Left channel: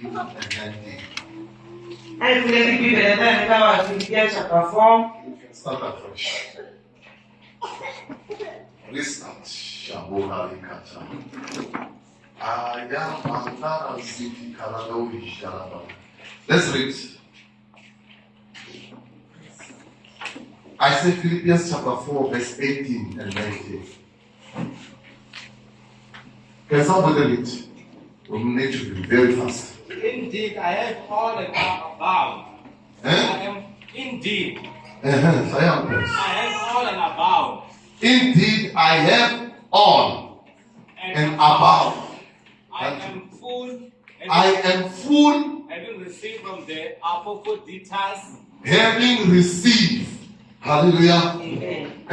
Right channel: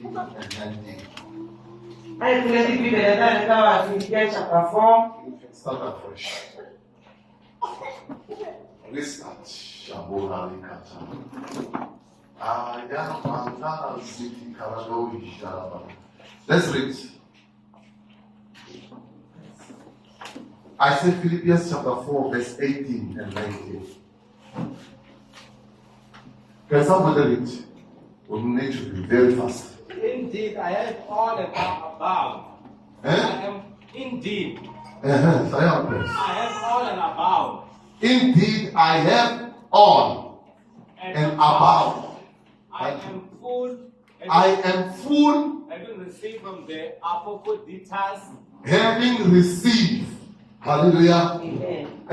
and 19. Philippians chapter 4. You can start afresh. Restart. Shabohari Kata. Ayamandana City Karadori Shalaba. Let's read. I say Philippians chapter 4, verse 18 and 19. Can somebody read? We need to be very fast. Indeed, I have all that I'm about. I am indeed. I have all and about. Indeed, I have all and about. I am full. Having received from the Apophyditas. Having received. Hallelujah. Amen.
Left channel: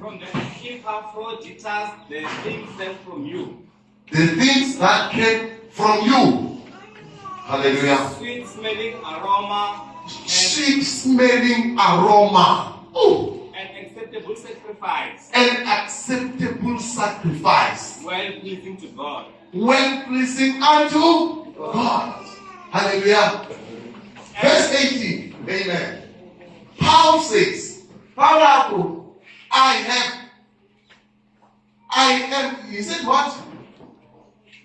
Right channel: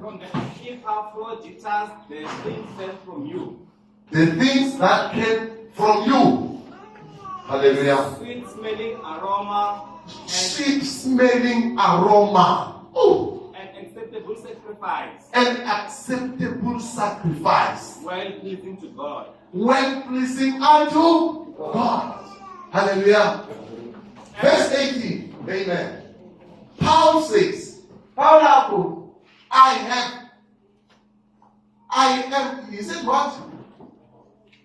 From the Epaphroditus, the things sent from you. The things that came from you. Hallelujah. Sweet smelling aroma. Sweet smelling aroma. Oh. An acceptable sacrifice. An acceptable sacrifice. Well pleasing to God. Well pleasing unto God. Hallelujah. Verse 18. Amen. Paul says, I am, he said what?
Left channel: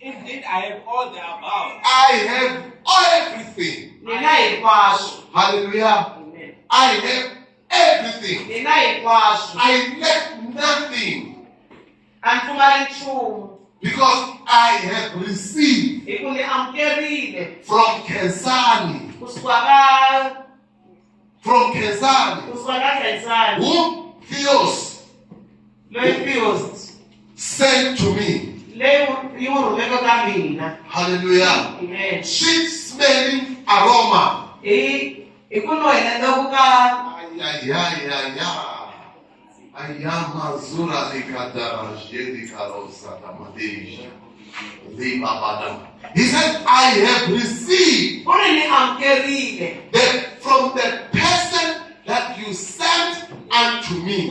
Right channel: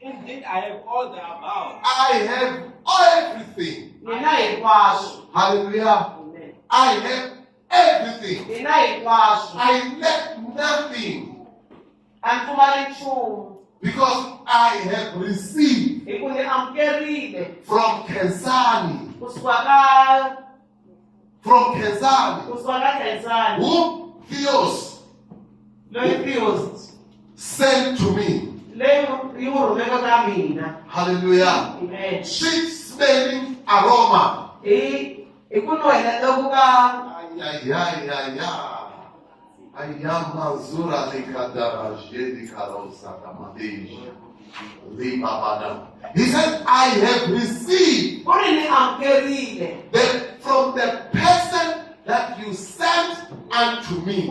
Indeed, I have all the about. I have everything. Hallelujah. Amen. I have everything. I lack nothing. Because I have received from Kesani. From Kesani. Whom Theos sent to me. Hallelujah. Amen. Sweet smelling aroma. Ayamazura likadara jedi karosa damadeja. He said, I have received that from the person that you sent unto me.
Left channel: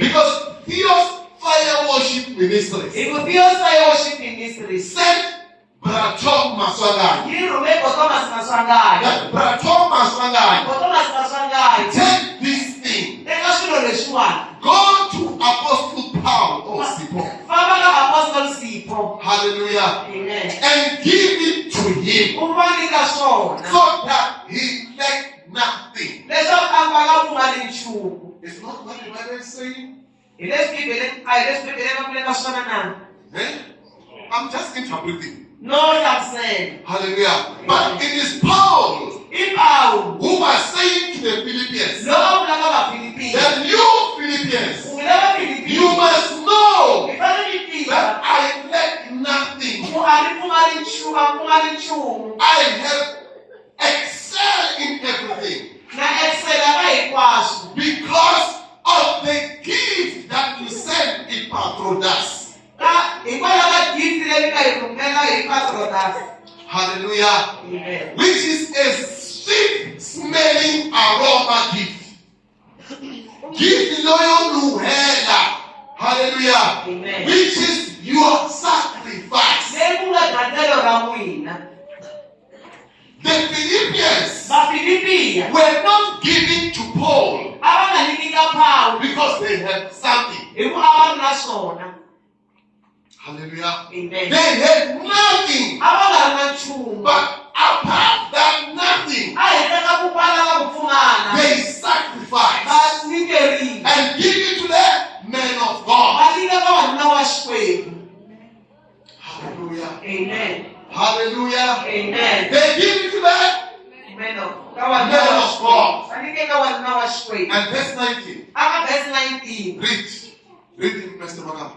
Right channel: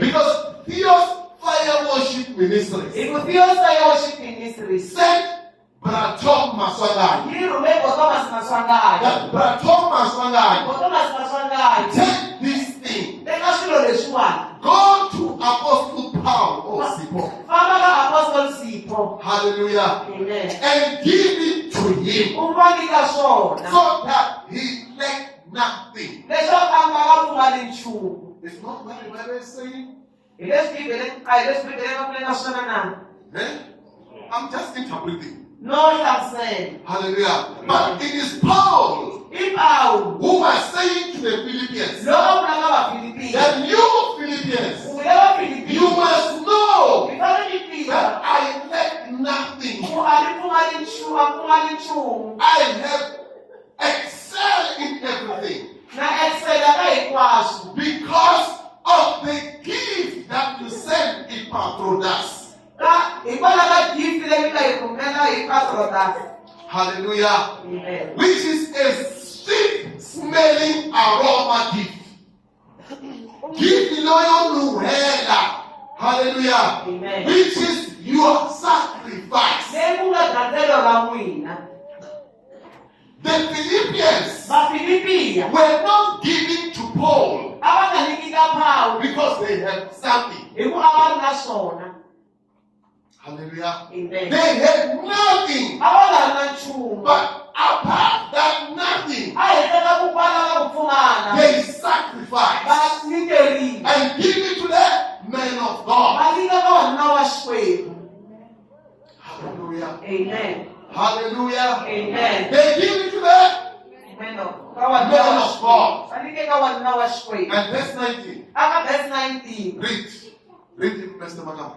Because Theos Fire Worship Ministries sent Bratom Maswangai. That Bratom Maswangai take this thing. Go to Apostle Paul or Sipo. Hallelujah. Amen. And give it to him so that he lack nothing. It's not what the Bible is saying. I'm just interpreting. No, I'm saying. Hallelujah. But it is Paul who was saying to the Philippians that you Philippians, you must know that I lack nothing. I have excelled in everything because of the gift that you sent in Epaphroditus. Hallelujah. Amen. Which is a sweet smelling aroma gift. Gift loyal nuhela. Hallelujah. Amen. Which is your sacrifice. The Philippians were not giving to Paul because they had something. Hallelujah. Amen. They had nothing. But apart that nothing, they sacrificed and give it to the men of God. Hallelujah. Amen. Hallelujah. Amen. They give it to the Men of God. And And verse 19. verse 19. Read it, Pastor Manam.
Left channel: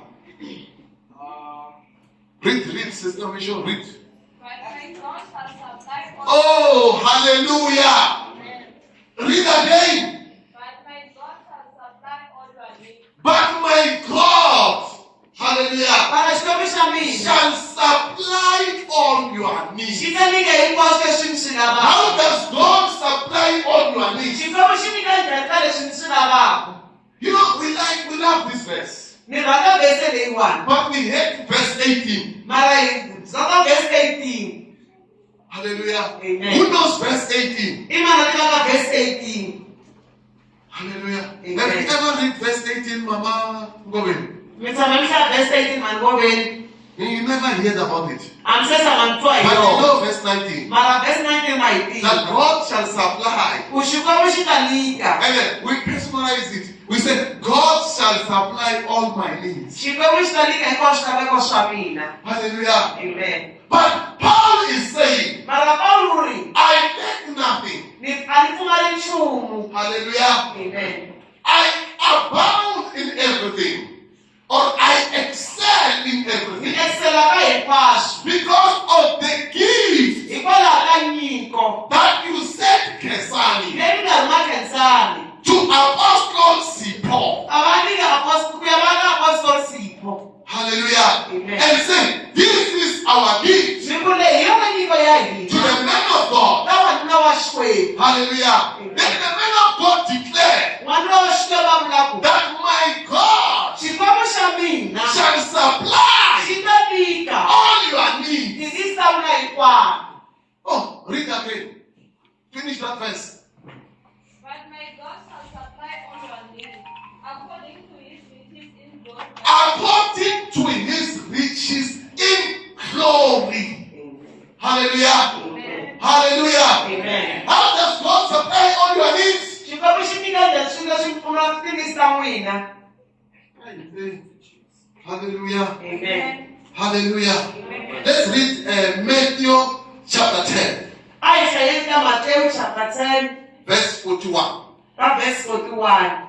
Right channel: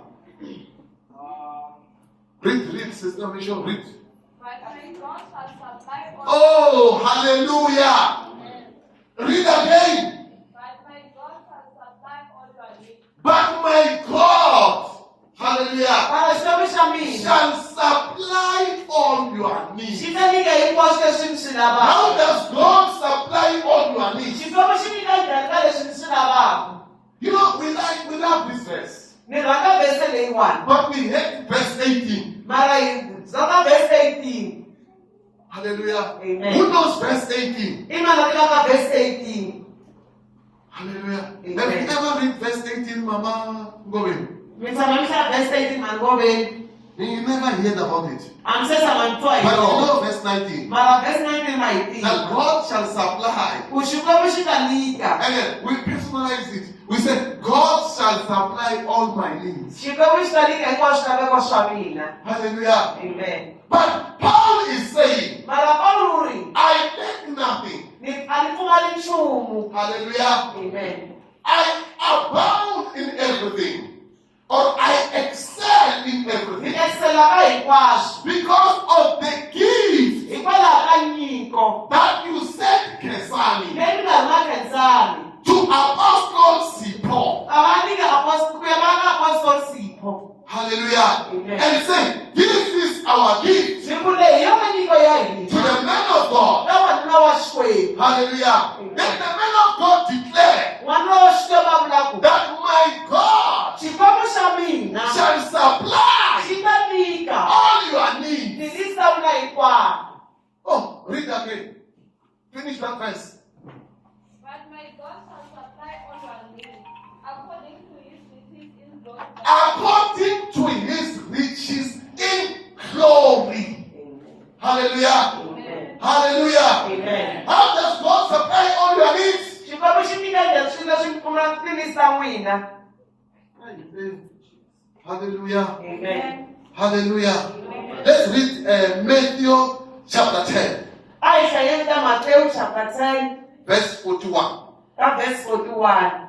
Read, Sister Mission, read. Oh, hallelujah. Read again. But my God, hallelujah, shall supply all your needs. How does God supply all your needs? You know, we love this verse. But we hate verse 18. Verse 18. Hallelujah. Amen. Who knows verse 18? Imana tika verse 18. Hallelujah. Amen. Have you ever read verse 18, Mama? Go in. Mitamamisha verse 18 man go in. You never heard about it. I'm saying man But you twa. know verse 19. Mara verse 19 mighty. That God shall supply. Ushuka ushikalika. And then we personalize it. We say, God shall supply all my needs. Shuka ushikalika ikoshika koshwamina. Hallelujah. Amen. But Paul is saying, Mara Pauli I lack nothing. ni alifumali nchumu. Hallelujah. Amen. I abound in everything. Or I excel in everything. Excella kai kwash. Because of the gift Ikola kanyiko. that you sent Kesani Nemi ngamakenzani. to Apostle Paul. Abani apostle kuyabanga apostle Sipho. Hallelujah. Amen. And say, this is our gift Nikule hiyo kanyiko yayi. to the men of God. Nawa nawashwe. Hallelujah. Amen. Then the men of God declare Wanawashwe babulako. that my God Chikwamo shamina. shall supply Shitabika. all your needs. Nidisa unaikwa. Oh, read again. Finish that verse. But my God shall supply all your needs according to his riches in glory. According to his riches in glory. Hallelujah. Amen. Hallelujah. Amen. How does God supply all your needs? Chikwamo shimika jashinda shimfuna kutinisa wina. Hallelujah. Amen. Hallelujah. Let's read Matthew chapter 10, Aisha yenda Matthew chapter 10, verse 41. verse 41.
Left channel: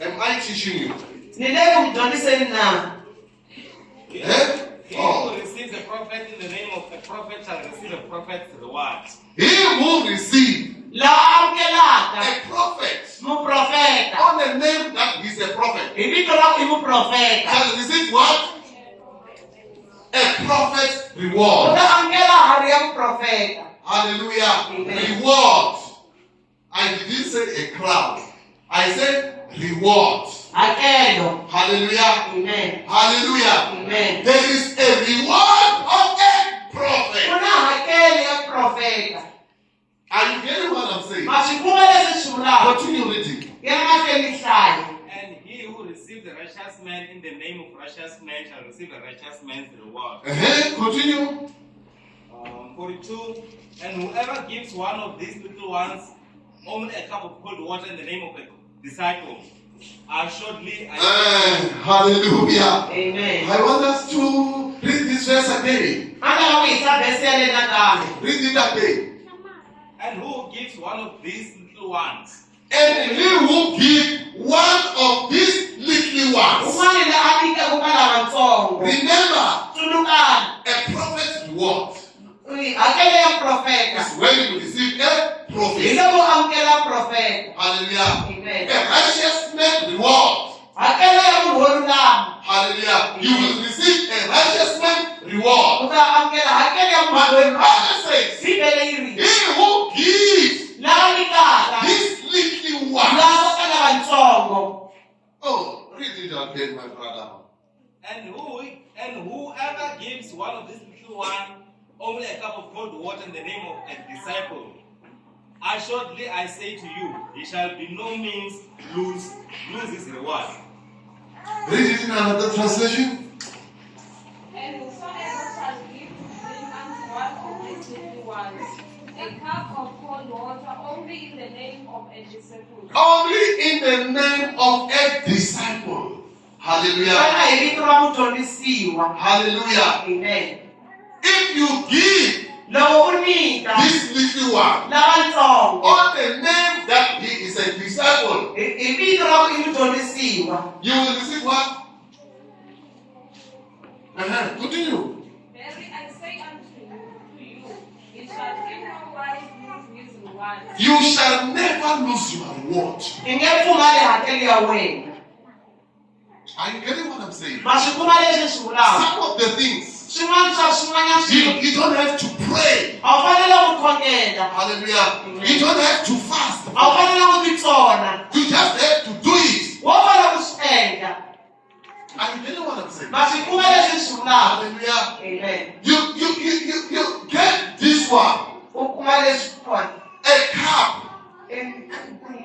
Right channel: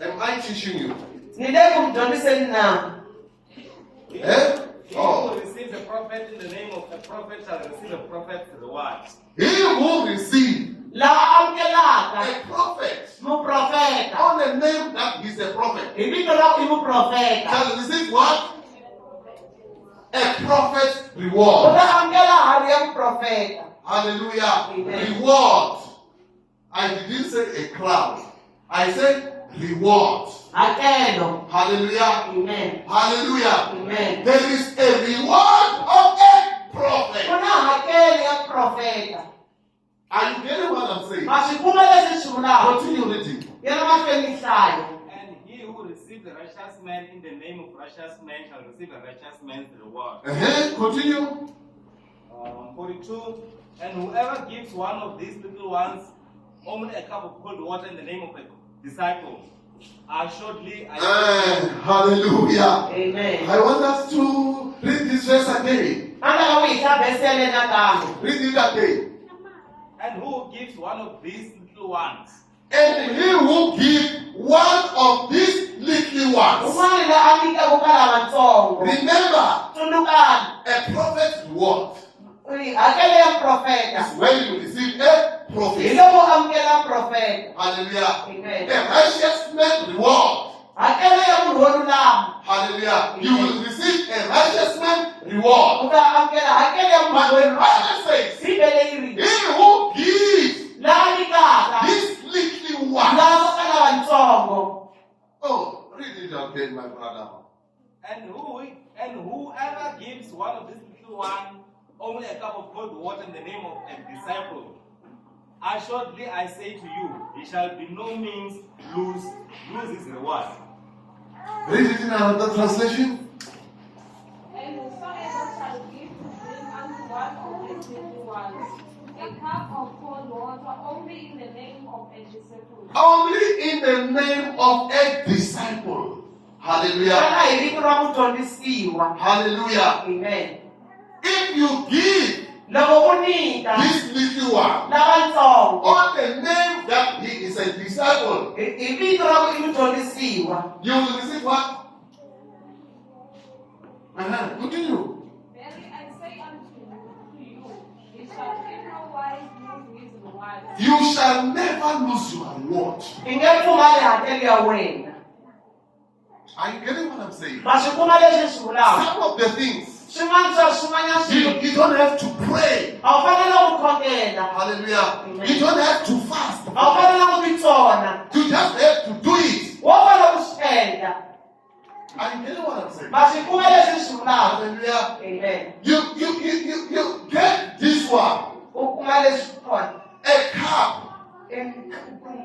Am I teaching you? Nile kumjoniseni na. Eh? He Oh. who receives a prophet in the name of a prophet shall receive a prophet's reward. He who receives La amkelaka. a prophet Mu profeta. on the name that he's a prophet Ibito la imu profeta. shall receive what? A prophet's reward. Uta amkela hari ya profeta. Hallelujah. Amen. Reward. I didn't say a cloud. I said reward. Akelo. Hallelujah. Amen. Hallelujah. Amen. There is a reward of a prophet. Kuna hakeli ya profeta. Are you getting what I'm saying? Mashikuma lezi shula. Continue reading. Yana makeli shayo. And he who receives a righteous man in the name of righteous man shall receive a righteous man's reward. Continue. 42. And whoever gives one of these little ones only a cup of cold water in the name of a disciple, assuredly Hallelujah. Amen. I want us to read this verse again. Ana wita besi ya lena dame. Read it again. And who gives one of these little ones? And he will give one of these little ones. Umani la alika kukala matongo. Remember, Tundukan. a prophet's reward Akele ya profeta. is when you receive a prophet. Ile mo amkela profeta. Hallelujah. Amen. A righteous man reward. Akele ya muhonu lam. Hallelujah. You will receive a righteous man reward. Uta amkela akele ya But the muhonu lam. Bible says, Sibele iri. he who gives La alika. this little La one. wakala matongo. Oh, read it again, my brother. And whoever gives one of these little ones only a cup of cold water in the name of a disciple, assuredly I say to you, he shall by no means lose his reward. Read it in another translation. And whosoever shall give to drink unto one of these little ones a cup of cold water only in the name of a disciple, Only in the name of a disciple. Hallelujah. Kana ibito la mutondisiwa. Hallelujah. Amen. If you give Lo unika. this little one La matongo. on the name that he is a disciple, Ibito la mutondisiwa. you will receive what? Continue. verily I say unto you, he shall in no wise lose his reward. You shall never lose your reward. Ingefumale hakeli ya wena. Are you getting what I'm saying? Mashikuma lezi shula. Some of the things Shimanja shumanya shi. you don't have to pray. Awufanele ukukhongela. Hallelujah. Amen. You don't have to fast. Awufanele ukutitsona. You just have to do it. Wofana kushenga. Are you getting what I'm saying? Ma swi kuma leswi swi vulaka. Hallelujah. Amen. You get this one. U kuma leswi kona. A cup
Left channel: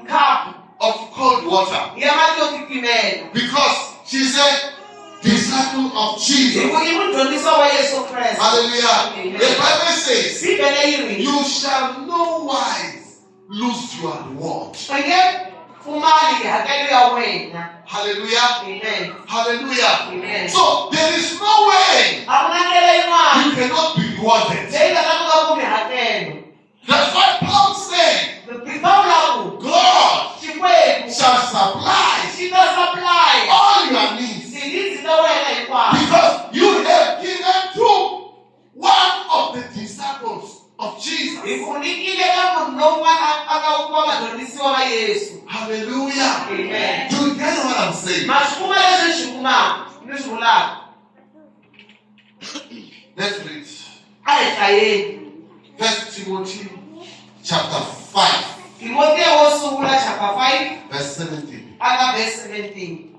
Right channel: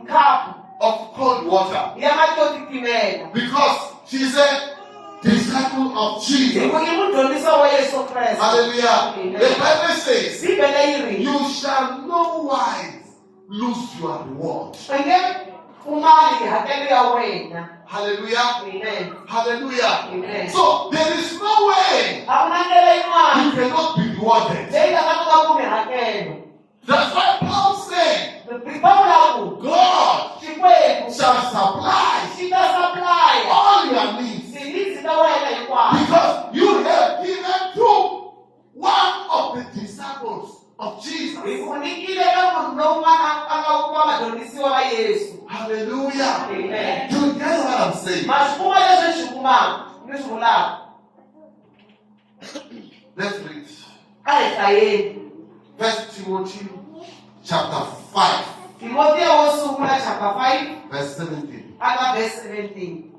Khapu of cold water. ya mati yo titimela. Because she's a disciple of Jesus. I mudyondzisi wa Yesu Kreste. Hallelujah. The Bible says, Bibele yi ri. you shall no wise lose your reward. U nge pfumali hakelo ya wena. Hallelujah. Amen. Hallelujah. Amen. So there is no way A ku na ndlela yin'wana you cannot be rewarded. leyi nga ta kota ku mi hakelo. That's why Paul said, Pawulo God Xikwembu shall supply xi ta supply all your needs. tinidzi ta wena hinkwato. Because you have given to one of the disciples of Jesus. Hi ku nyikile ka munhu lowun'wana a nga wa vadyondzisiwa va Yesu. Hallelujah. Amen. Do you get what I'm saying? Ma swi kuma leswi hi swi kumaka ni swi vulaka. Let's read. A hi hlayeni. 1 Timothy chapter 5, Timoteyo wo sungula chapter 5 verse 17. a ka verse 17.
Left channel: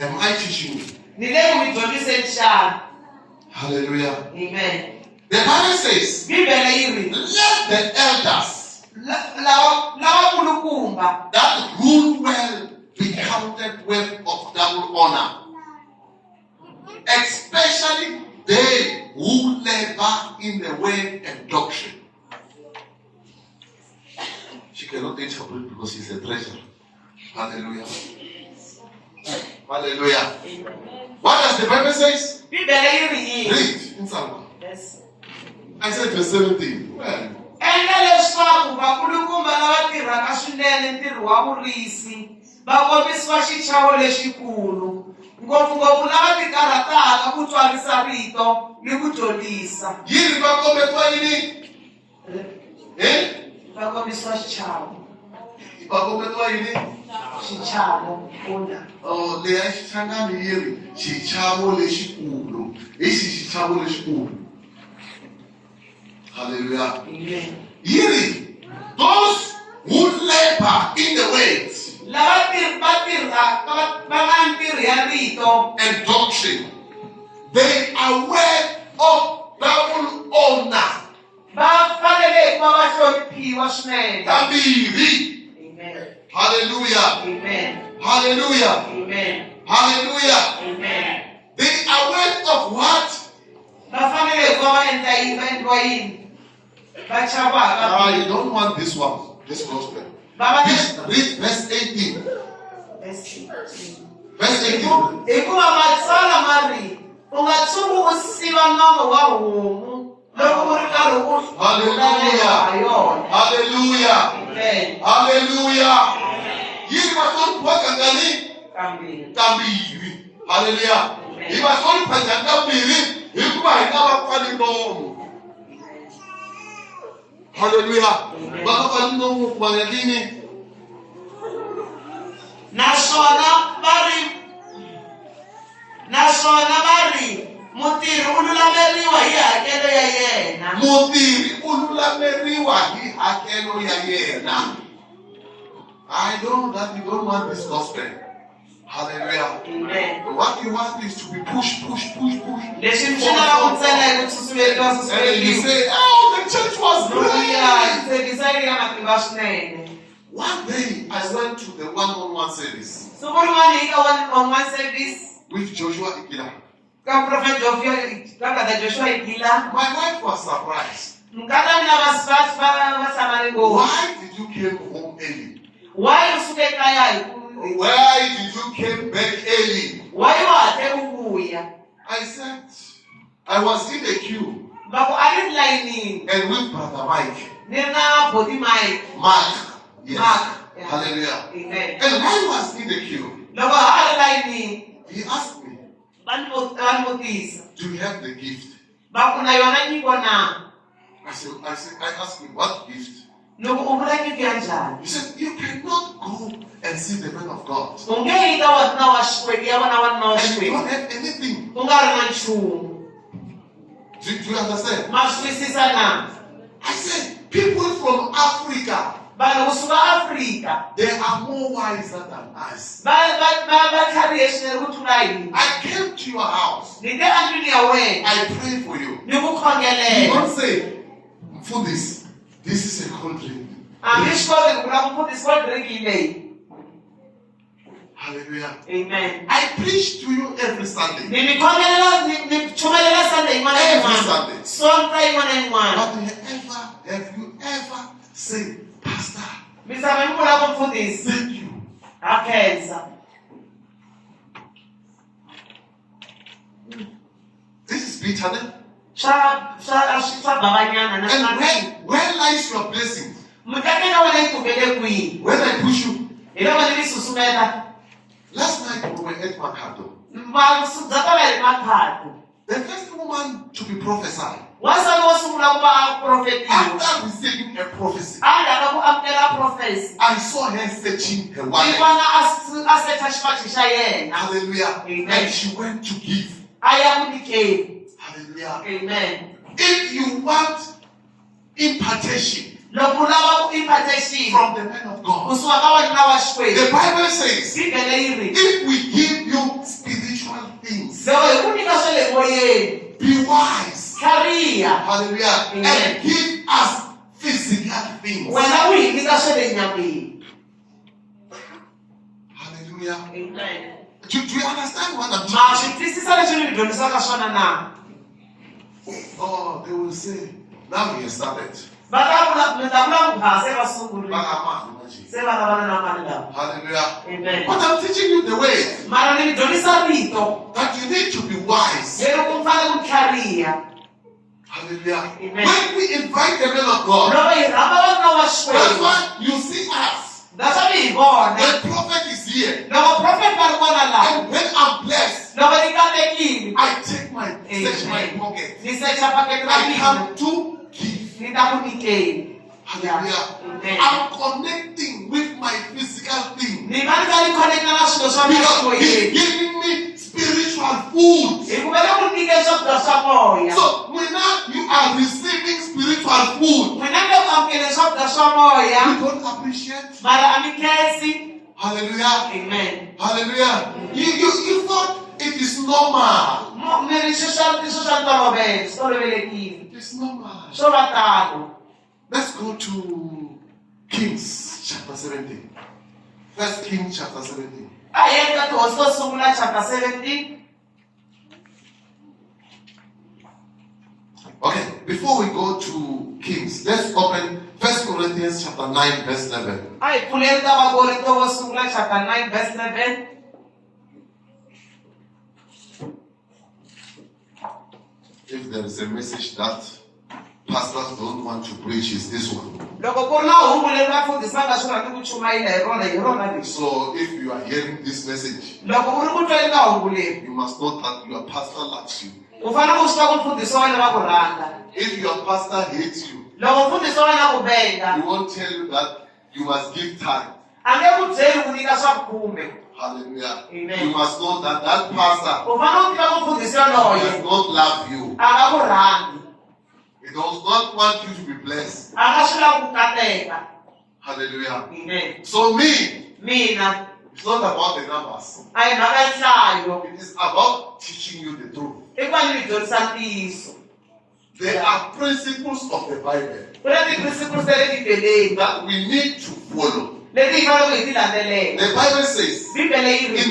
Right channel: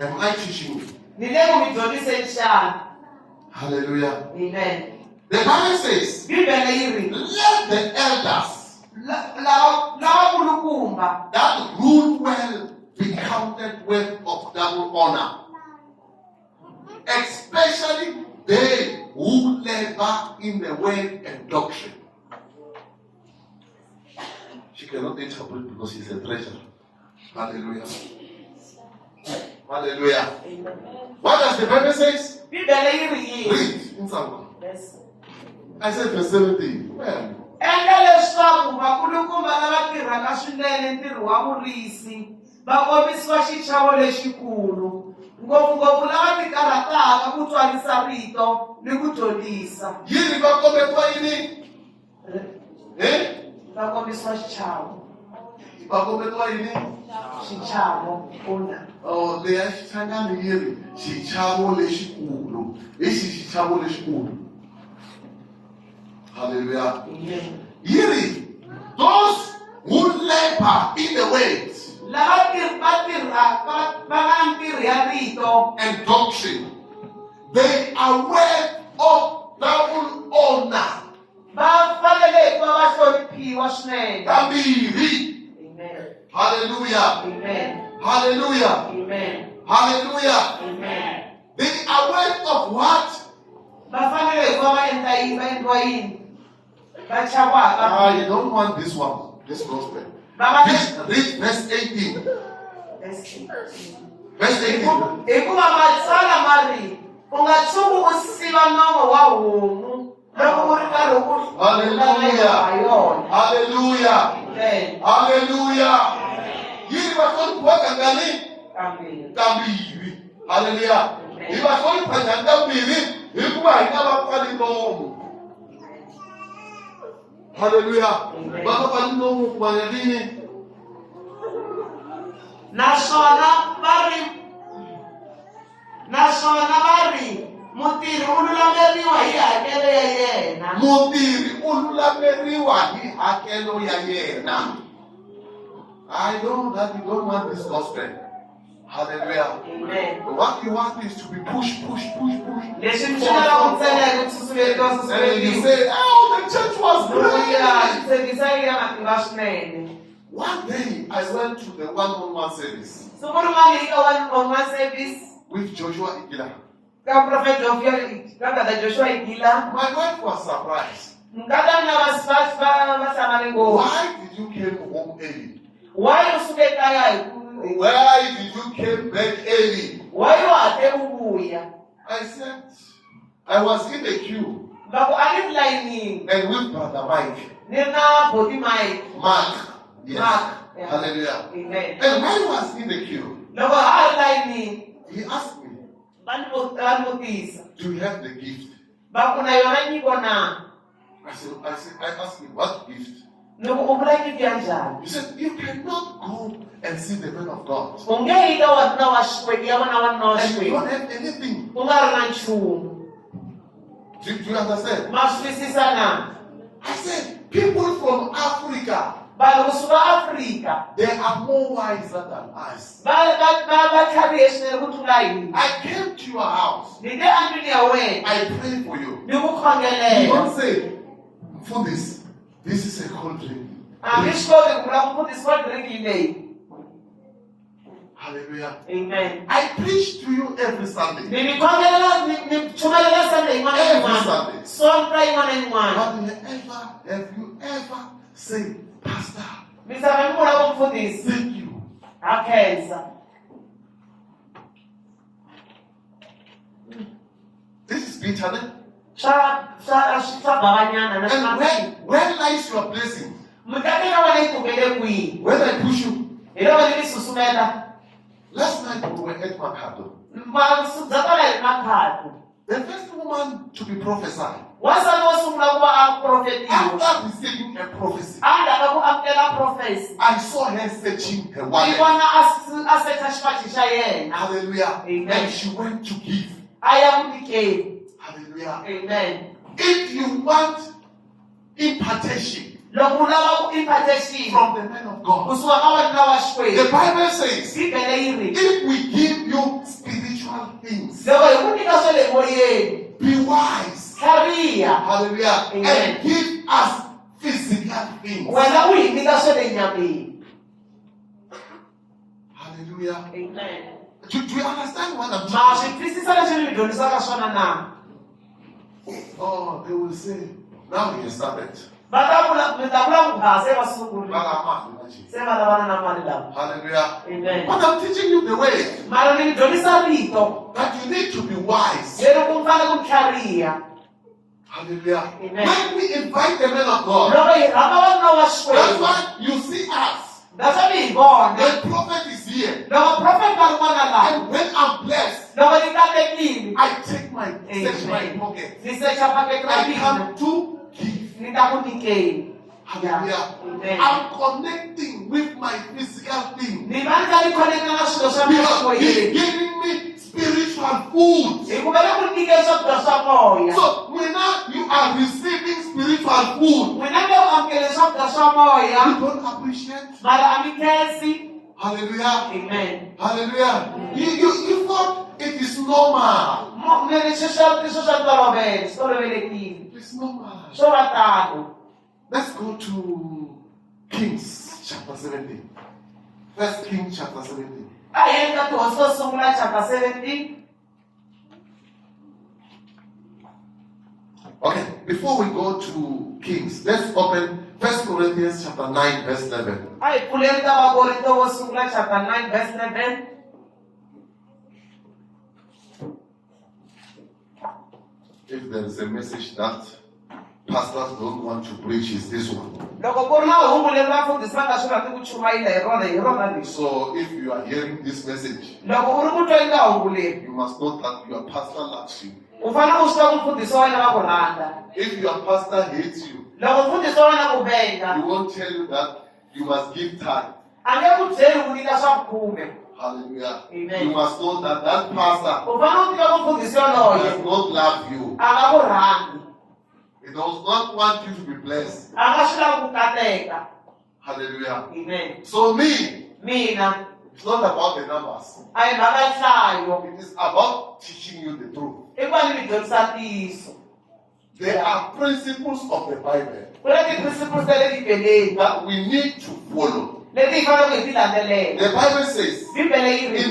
Am I teaching you? Ni le ku mi dyondziseni xana. Hallelujah. Amen. The Bible says, Bibele yi ri let the elders lava kulukumba that rule well be counted worth of double honor, especially they who labor in the word and doctrine. She cannot interpret because she's a treasurer. Hallelujah. Hallelujah. What does the Bible say? Bibele yi ri yini? Read in Psalm. Yes. I said verse 17. Well, Endla leswaku vakulukumba lava tirhaka swinene ntirho wa vurisi va kombisiwa xichavo lexikulu, ngopfungopfu lava tikarhataka ku tswarisa rito ni ku dyondzisa. yini va kombetiwa yini? Va kombisiwa xichavo. Va kombetiwa yini? Xichavo kuna. Oh, leyi a xitlhangani yi ri xichavo lexikulu. Hi xichavo lexikulu. Hallelujah. Amen. Yi ri those who labor in the ways Lava tirhaka va nga ntirho ya rito and doctrine, they are worth of double honor. va fanele ku va va hloniphiwa swinene. Kambirhi. Amen. Hallelujah. Amen. Hallelujah. Amen. Hallelujah. Amen. They are worth of what? Va fanele ku va va endla yini, va endliwa yini? Va chavaka. You don't want this one, this gospel. Va This, read verse 18. Verse 18. Hikuva matsalwa ma ri u nga tshuki u siva nomo wa homu loko u ri karhi u Hallelujah. ha yona. Hallelujah. Amen. Hallelujah. Yini vahloniphiwa kangani? Kambirhi. Kambirhi. Hallelujah. Hi vahlonipha njhani kambirhi? Hikuva hi nga vapfali nomo. Hallelujah. Va nga pfali nomo ku va ngelini? Naswona va ri mutirhi u lulameriwa hi hakelo ya yena. Mutirhi u lulameriwa hi hakelo ya yena. I know that you don't want this gospel. Hallelujah. Amen. What you want is to be pushed. Leswi mi swi lava ku tsala hi ku susuletiwa And you susuletiwa. say, oh, the church was Ya great. tshembisa yi ya matimba swinene. One day I went to the one-on-one service Siku rin'wana hi ka one-on-one service with Joshua Ikila. ka Prophet Joshua Igila. My wife was surprised. Mkata mina va hlamale ngopfu. Why did you come home early? Why u suke kaya hi ku Why did you come back early? why u hatle u vuya? I said, I was in the queue Loko a ri layinini and with Brother Mike. ni na body Mike. Mark. Yes. Mark. Yeah. Hallelujah. Amen. And I was in the queue. Loko a ri layinini He asked me, va ni vutisa do you have the gift? va ku na yona nyiko na. I asked him, what gift? Loko u vula nyiko ya njhani? He said, you cannot go and see the man of God. U nge yi ka wanuna wa Xikwembu ya vona wanuna wa And you Xikwembu don't have anything. u nga ri na nchumu. Do you understand? Ma swi twisisa na? I said, people from Africa vanhu kusuka Afrika They are more wiser than us. va tlharihe swinene ku tlula hina. I came to your house. Ni te andlwini ya wena I pray for you. ni ku You khongelela. don't say, for this is a cold drink. A mi swi koti ku vula ku mfundhisi wa drink leyi. Hallelujah. Amen. I preach to you every Sunday. Ni mi khongelela ni chumelela Sunday yin'wana na Every yin'wana. Sunday. Sonta yin'wana na yin'wana. But have you ever said, Pastor, Mi tshama ni vula ku mfundhisi thank you. ha khensa. This is bitter. Swa bavanyana And na where lies your blessing? mukati ka wena yi tumele kwihi. When I push you, Hi loko ni mi susumeta last night we were at Makado. masudza ta va hi maphati. The first woman to be prophesied. Wasati wo sungula ku va a profetiwa. After receiving a prophecy, Endzhaku ka ku amukela profesi. I saw her searching her Ni wallet. vona a secha xipachi xa yena. Hallelujah. Amen. And she went to give. A ya ku nyikeni. Hallelujah. Amen. If you want impartation Loko u lava ku impartation from the man of God, kusuka ka vanhu lava the Xikwembu. Bible says, Bibele yi ri if we give you spiritual things, loko hi ku nyika swa le moyeni. be wise. Tlhariha. Hallelujah. Amen. And give us physical things. Wena u hi nyika swa le nyameni. Hallelujah. Amen. Do you understand what I'm Ma saying? swi twisisa leswi ni mi dyondzisaka swona na? Oh, they will say, now he has started. Va ta vula mi ta vula ku se va sungurile. Se va lavana na mali lama. Hallelujah. Amen. But I'm teaching you the way Mara ni mi dyondzisa rito that you need to be wise. leri ku fanele ku tlhariha. Hallelujah. Amen. When we invite the men of God, Loko hi rhamba vanhu va that's Xikwembu. why you see us. That's what hi vona. The prophet is here. Loko prophet va ri kona laha. And when I'm blessed, Loko ni katekile. I take my search my Amen. pocket. Ni secha paketi ra I mina. come to give. Ni ta ku nyikeni. Hallelujah. Amen. I'm connecting with my physical thing. Ni va ni kha ni connecta na swilo swa mina Because he's ximoyeni. giving me spiritual food. Hi ku vele ku nyike swakudya swa moya. So when now you are receiving spiritual food, N'wina mi le ku amukele swakudya swa moya. you don't appreciate. Mara a mi khensi. Hallelujah. Amen. Hallelujah. You thought it is normal. Mi ri swo swa ntolovelo, swi tolovelekile. It is normal. Swo va tano. Let's go to Kings chapter 17. First Kings chapter 17. A hi yeni ka tihosi to sungula chapter 17. Okay, before we go to Kings, let's open 1 Corinthians chapter 9, verse 11. A hi pfuleni ka Vakorinto vo sungula chapter 9 verse 11. If there is a message that pastors don't want to preach, is this one. Loko ku ri na hungu leri vafundhisi va nga swi rhandzi ku chumayela hi rona leri. So if you are hearing this message, Loko u ri ku tweni ka hungu leri, you must know that your pastor loves you. u fanele u swi tiva ku mfundhisi wa wena va ku rhandza. If your pastor hates you, Loko mfundhisi wa wena ku benga, he won't tell you that you must give time. a nge ku byeli ku nyika swa khume. Hallelujah. Amen. You must know that that pastor U fanele u tiva ku mfundhisi yoloye does not love you. a nga ku rhandzi. He does not want you to be blessed. A nga swi lavi ku kateka. Hallelujah. Amen. So me, Mina it's not about the numbers. a hi mhaka ya nhlayo. It is about teaching you the truth. I ku va ni mi dyondzisa ntiyiso. There are principles of the Bible Ku na ti-principles ta le bibeleni that we need to follow. leti hi faneleke hi ti landzelela. The Bible says Bibele yi ri in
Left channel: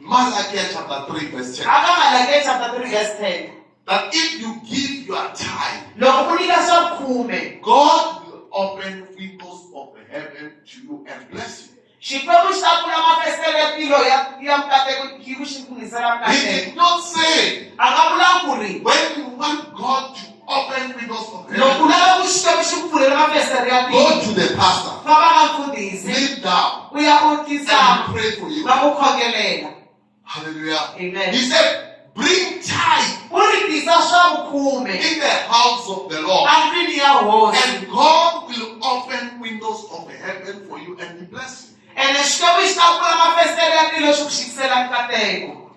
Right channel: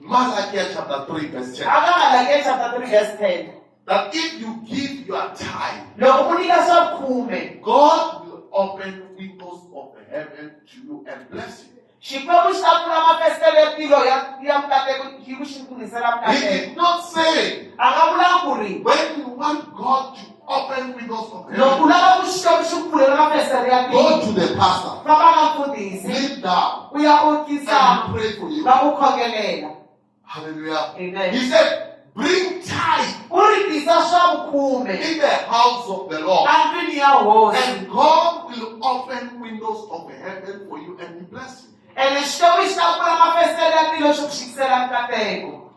Malachi chapter 3, verse 10, aka Malaki chapter 3 verse 10. that if you give your time, Loko u nyika swa khume, God will open windows of the heaven to you and bless you. Xikwembu xi ta pfula mafestere ya tilo ya mikateko hi ku xi kunisela He mikateko. did not say A nga vula ku ri when you want God to open windows of loko u heaven, lava ku Xikwembu xi ku pfulela mafestere ya go tilo, to the pastor, famba ka mfundhisi, kneel down, u ya u and tisama, pray for you. va ku khongelela. Hallelujah. Amen. He said, bring tithe U ri tisa swa vukhume in the house of the Lord, endlwini ya hosi, and God will open windows of the heaven for you and He bless you. ene Xikwembu xi ta pfula mafestere ya tilo xi ku xikisela mikateko.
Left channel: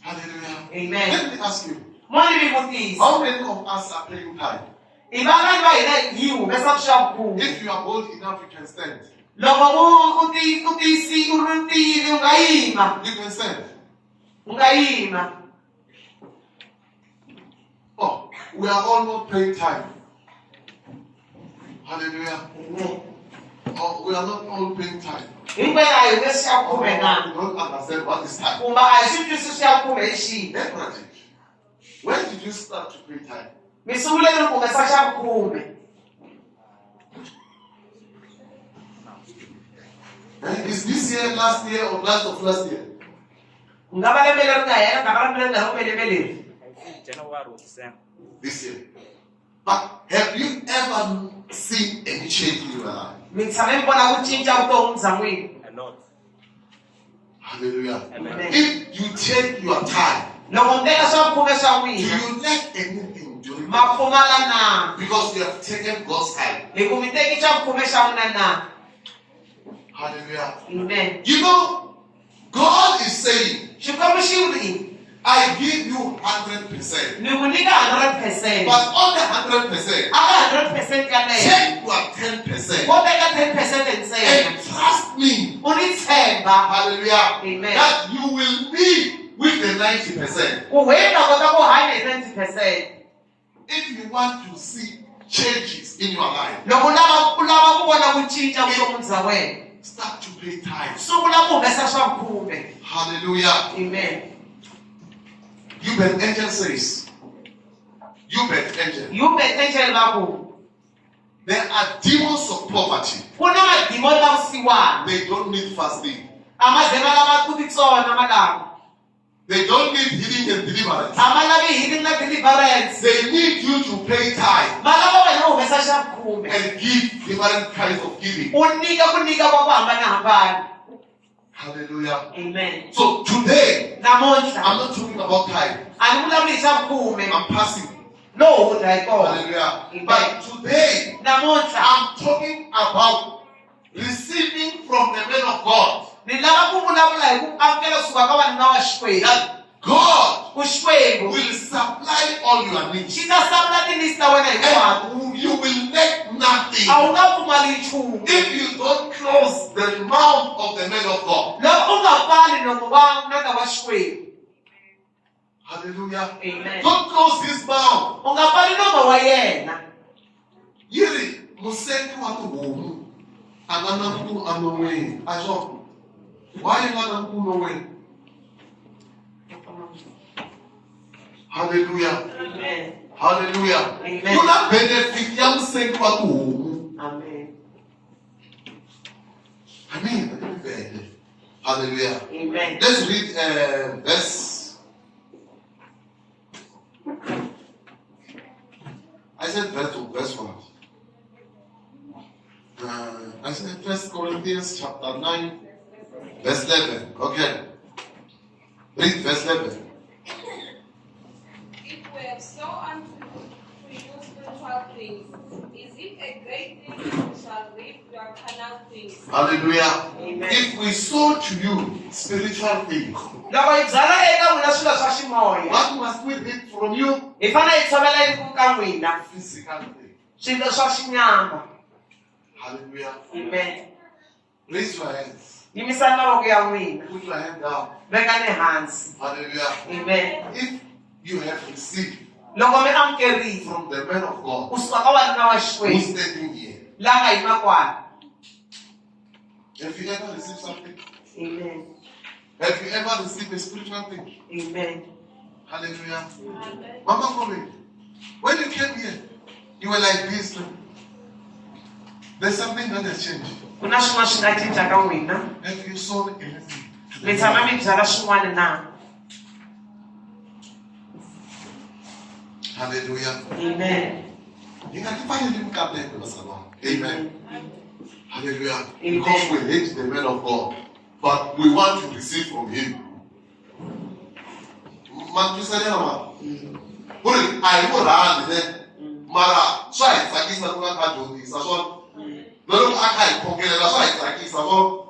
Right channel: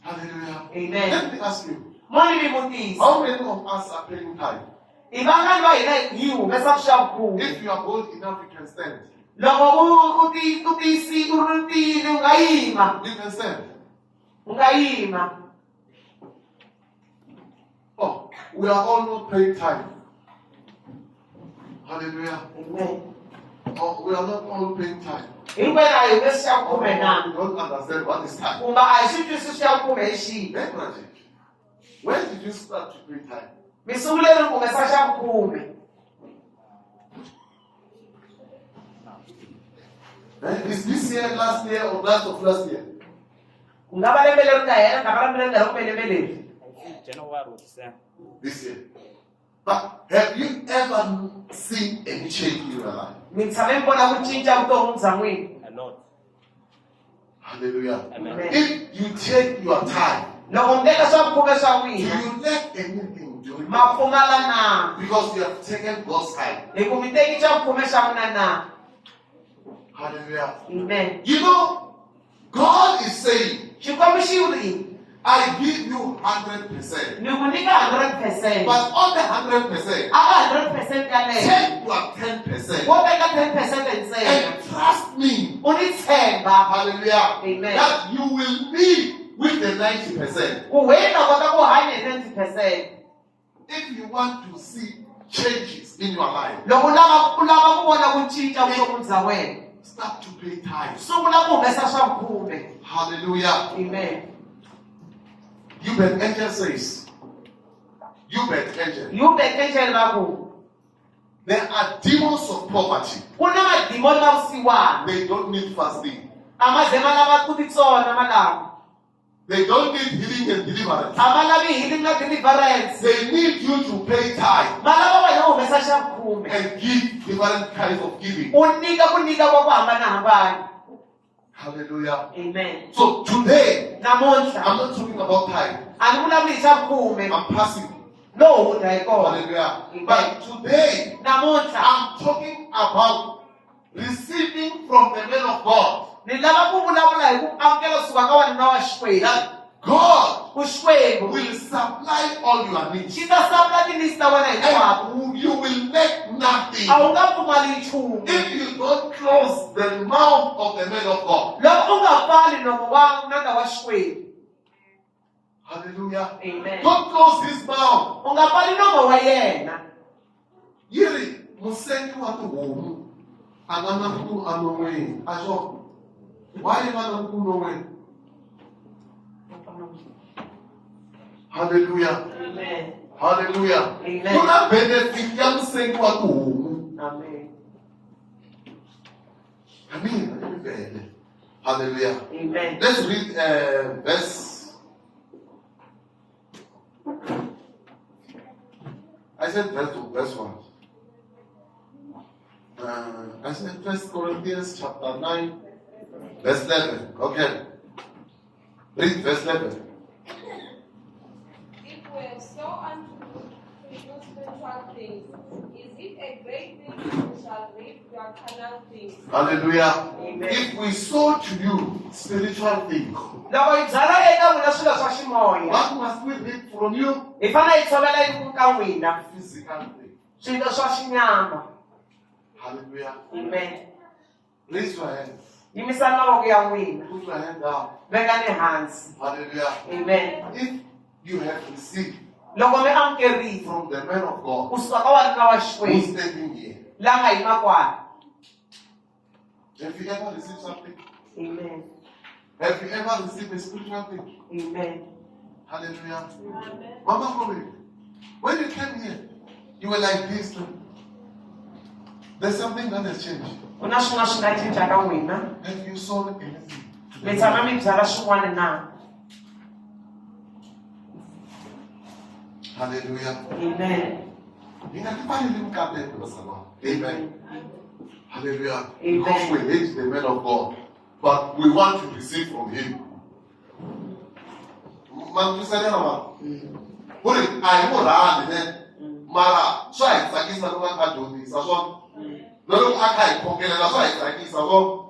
Hallelujah. Amen. Let me ask you, Mo ni mi vutisa, how many of us are paying tithe? I van'wana va hina hi humesa swa vukhume. If you are bold enough, you can stand. Loko u tiyisile u ri tiyile u nga yima. You can stand. U nga yima. Oh, we are all not paying time. Hallelujah. Amen. Oh, we are not all paying time. Hinkwenu a hi humesi xa Oh, vukhume we na. don't understand what is time. Kumbe a hi swi twisisi xa vukhume hi xihi. Let me teach you. When did you start to pay time? Mi sungule ri humesa xa vukhume. Is this year, last year, or last of last year? Ku nga va lembe leri nga hela, nga va lembe leri nga ri lembe leri. January or December. This year. But have you ever seen any change in your life? Mi tshame mi vona ku cinca vutomi bya n'wina. A lot. Hallelujah. Amen. If you take your time, Loko mi teka swa vukhume swa do n'wina, you let anything do it? ma pfumala na. Because you have taken God's time. Hi ku mi teki swa vukhume swa n'wina na. Hallelujah. Amen. You know, God is saying, Xikwembu xi vuli, I give you 100%. ni ku nyika 100%. But on the 100%, A ka 100% ya leyo. take your 10% Wo teka 10% ntsena. and trust me. U ni tshemba. Hallelujah. Amen. That you will be with the 90%. Ku wena u kota ku hanya hi 90%. If you want to see changes in your life, Loko u lava ku vona ku cinca vutomi bya wena, start to pay time. sungula ku humesa swa vukhume. Hallelujah. Amen. You bet angel says, you bet angel. You betengele va ku There are demons of poverty. ku na madimoni ta vusiwana. They don't need fasting. A ma ze ma lava ku titsona malama. They don't need healing and deliverance. A ma lavi healing na deliverance. They need you to pay time Ma lava wena u humesa xa vukhume. and give different kinds of giving. U nyika ka ku hambanahambana. Hallelujah. Amen. So today, Namuntlha I'm not talking about time. a ni vulavuli hi xa vukhume. I'm passing. No hundza hi kona. Hallelujah. Amen. But today, Namuntlha I'm talking about receiving from the man of God. ni lava ku vulavula hi ku amukela kusuka ka vanhu va Xikwembu. That God Ku Xikwembu will supply all your needs. xi ta sapula tinisi ta wena hinkwato. And you will lack nothing. A wu nga pfumali nchumu. If you don't close the mouth of the man of God. Loko u nga pfali nomo wa n'anga wa Xikwembu. Hallelujah. Amen. Don't close his mouth. U nga pfali nomo wa yena. Yiri musengi wa tihomu a nga na nkulu anon'weni a swona why nga na nkulu anon'weni. Hallelujah. Amen. Hallelujah. Amen. Ku na benefit ya musengi wa tihomu. Amen. Amen. Hallelujah. Amen. Let's read verse. I said verse 1. I said 1 Corinthians chapter 9, verse 11. Okay. Read verse 11. If we have so unto you spiritual things, is it a great thing if we shall reap your carnal things? Hallelujah. Amen. If we sow to you spiritual things, Loko hi byala eka n'wina swilo swa ximoya, what must we reap from you? hi fanele hi tshovela yi ka n'wina Physical things. swilo swa xinyama. Hallelujah. Amen. Raise your hands. Yimisani mavoko ya n'wina. Put your hand down. Vekani hansi. Hallelujah. Amen. If you have received Loko mi amukerile from the man of God kusuka ka wanuna wa who's Xikwembu standing here, la nga yima kwala. have you ever received something? Amen. Have you ever received a spiritual thing? Amen. Hallelujah. Amen. Mama Kobe, when you came here, you were like this. There's something that has changed. Ku na swin'wana swi nga cinca ka n'wina. Have you sown anything? Mi tshama mi byala swin'wana na. Hallelujah. Amen. Amen. Hallelujah. Amen. Because we hate the man of God, but we want to receive from him. I know that, Mara, so I tsakisa ku nga ka dyondzisa swona. Loko a kha hi khokelela swa hi tsakisa swona.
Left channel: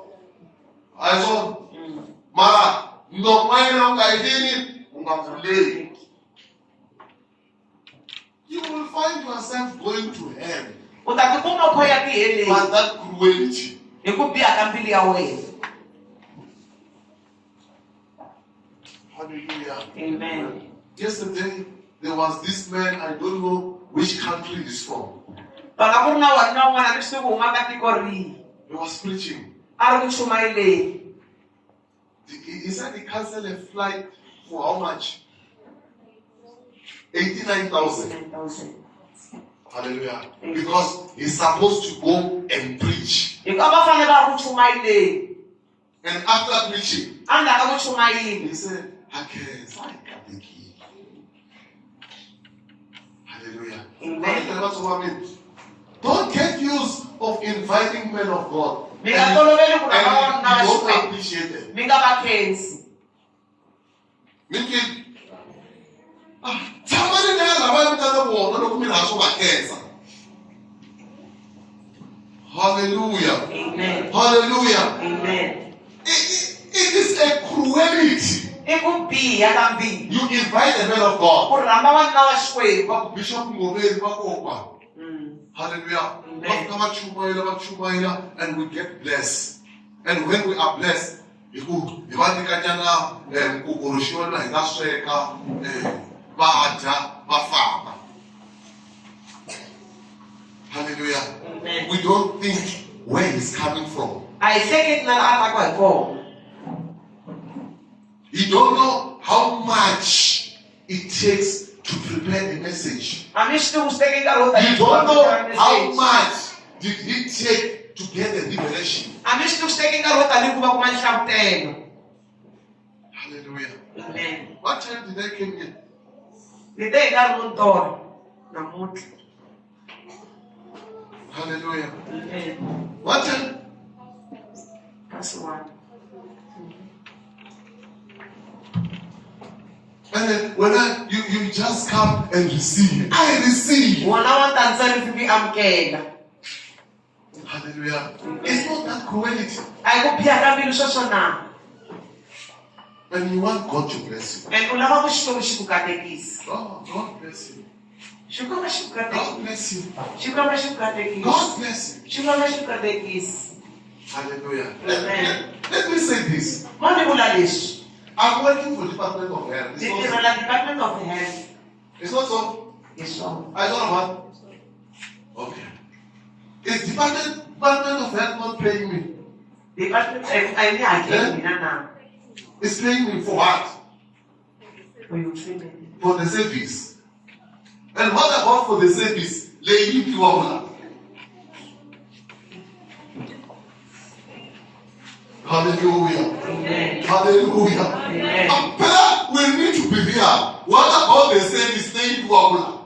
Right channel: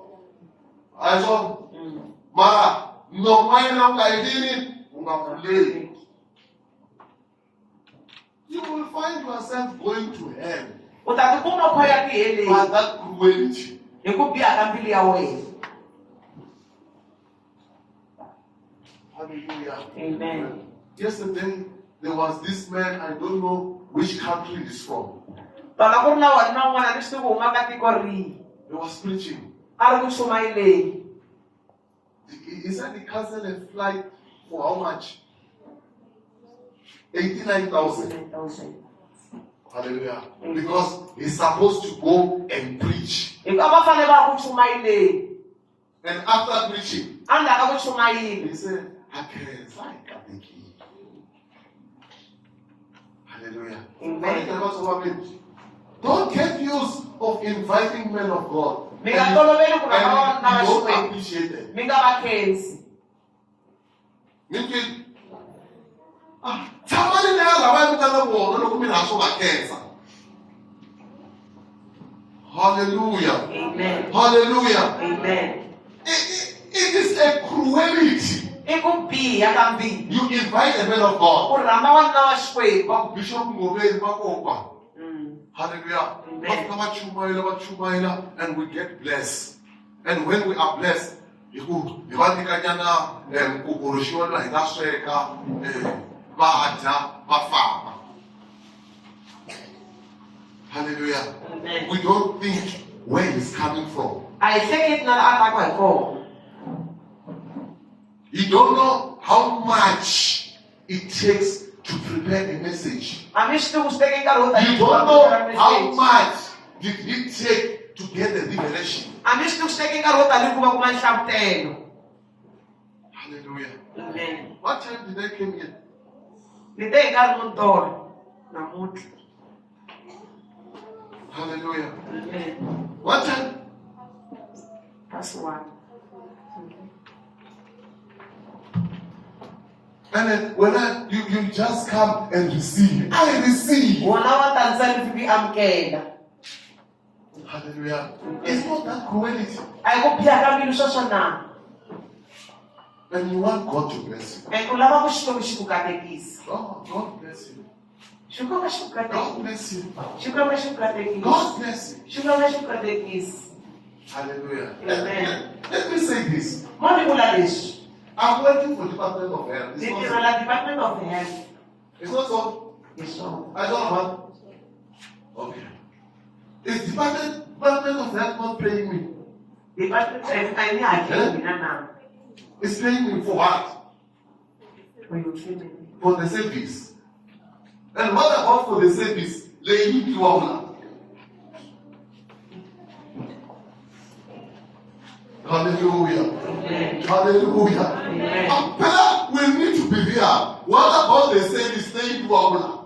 A hi swona. Mara nomo wa yena u nga yini u nga pfuleli. You will find yourself going to hell U ta tikuma u khoya tiheleni by that cruelty. hi ku biha ka mbilu ya wena. Hallelujah. Amen. Yesterday, there was this man, I don't know which country he's from. Tona ku ri na wanuna wun'wana leswi ku huma ka tiko rihi. He was preaching. A ri ku chumayeleni. He said he canceled a flight for how much? 89,000. 9,000. Hallelujah. Because he's supposed to go and preach. Hi ku a va fanele va ku chumayeleni. And after preaching, Endzhaku ka ku chumayela. he said, okay, so I got the key. Hallelujah. Amen. Don't get used of inviting men of God. Mi nga toloveli ku And lava va nga you don't Xikwembu. appreciate them. Mi nga va khensi. Somebody now lava vitana vona loko mi rhandza va khensa. Hallelujah. Amen. Hallelujah. Amen. It is a cruelty. I ku biha ka mbilu. You invite a man of God. Ku rhamba vanuna va Xikwembu. Va Bishop Ngoveni va kokwa. Hallelujah. Amen. And we get blessed. And when we are blessed, hallelujah. Amen. We don't think where he's coming from. A hi hleketi na laha a taka hi kona. You don't know how much it takes to prepare the message. A mi swi tivi swi teke nkarhi wo You don't know how much did it take to get the liberation. A mi swi tivi swi teke nkarhi wo tanihi ku va kuma nhlavutelo. Hallelujah. Amen. What time did I come here? Ni te hi nkarhi muntori namuntlha. Hallelujah. Amen. What time? That's one. And then when you just come and receive. I receive. Wona wa ta ntsari fi amukela. Hallelujah. It's not that cruelty. A hi ku biha ka mbilu sweswo na. And you want God to bless you. And u lava ku Xikwembu xi ku katekisa. Oh, God bless you. Xikwembu xi ku God katekisa. bless you. Xikwembu xi ku katekisa. God bless you. Xikwembu xi ku katekisa. Hallelujah. Amen. Let me say this. Ma ni vula leswi. I'm working for the Department of Health. Ni tirhela Department of Health. It's not so. Hi swona. I don't know what. Okay. Is Department of Health not paying me? Department a ni hakeli mina na. It's paying me for what? For your treatment. For the service. And what about for the service? Lady Kiwabula. Hallelujah. Amen. Hallelujah. Amen. But we need to be there. What about the service? Lady Kiwabula.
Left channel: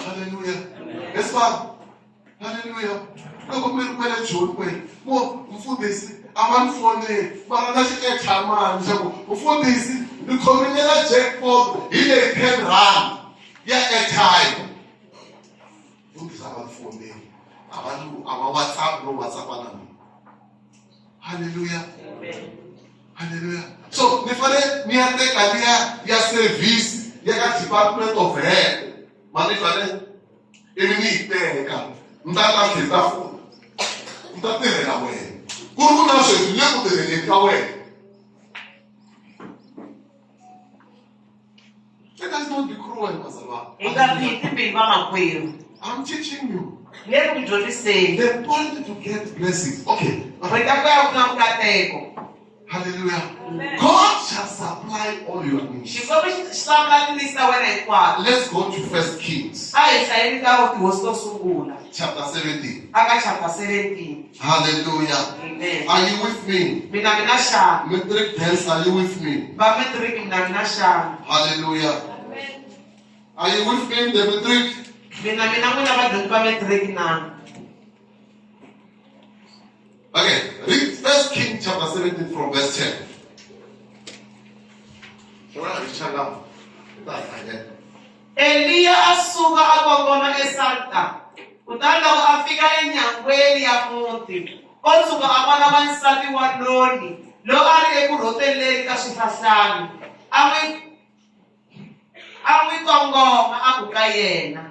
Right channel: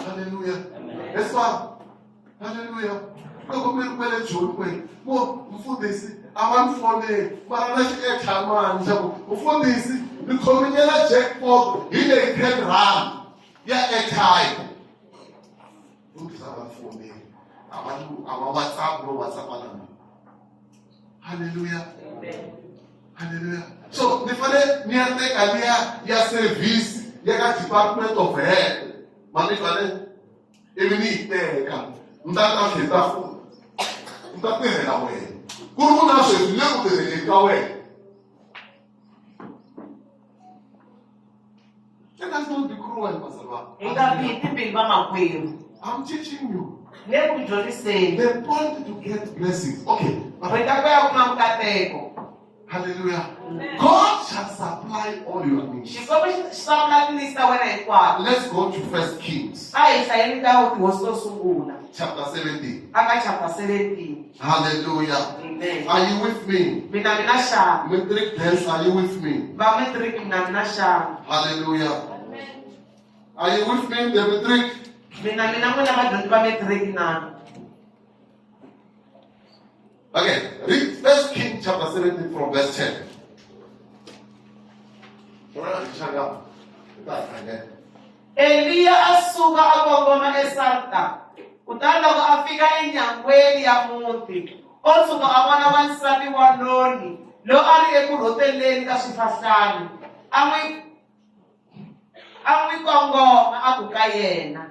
Hallelujah. Yes, ma'am. Hallelujah. Loko mi ri kwele joni mo mfundhisi a va ni foneli mara na xiethamani xa ku mfundhisi ni khomilela jackpot hi le 10 rand ya airtime. Mfundhisi a va ni foneli a va WhatsApp no WhatsApp na mina. Hallelujah. Amen. Hallelujah. So ni fane ni ya teka liya ya service ya ka Department of Health. Mani fane ivi ni yi teka ni ta ka kheta foni. Ni ta tirhela wena. Ku ri ku na sweswi le ku tirheleni ka wena. Let us not be cruel, Mazalwa. Hi nga bihi timbilu vamakwerhu. I'm teaching you. Ni le ku dyondziseni. The point to get blessings. Okay. Rita ku ya kuma nkateko. Hallelujah. God shall supply all your needs. Xikwembu xi hlamula tinisi ta wena hinkwato. Let's go to 1 Kings A hi hlayeni ka tihosi to sungula. chapter 17. Aka chapter 17. Hallelujah. Amen. Are you with me? Mina xana. Metric dance, are you with me? Va matric mina xana. Hallelujah. Are you with me, the metric? Mina n'wina vadyondzi va matric na. Okay, read 1 Kings chapter 17 from verse 10. Eliya a suka a kongoma eSarta. Kutani loko a fika enyangweni ya muti, o suka a vona wansati wanoni loyi a ri eku rhoteleni ka swihlahlani. a n'wi kongoma a ku ka yena,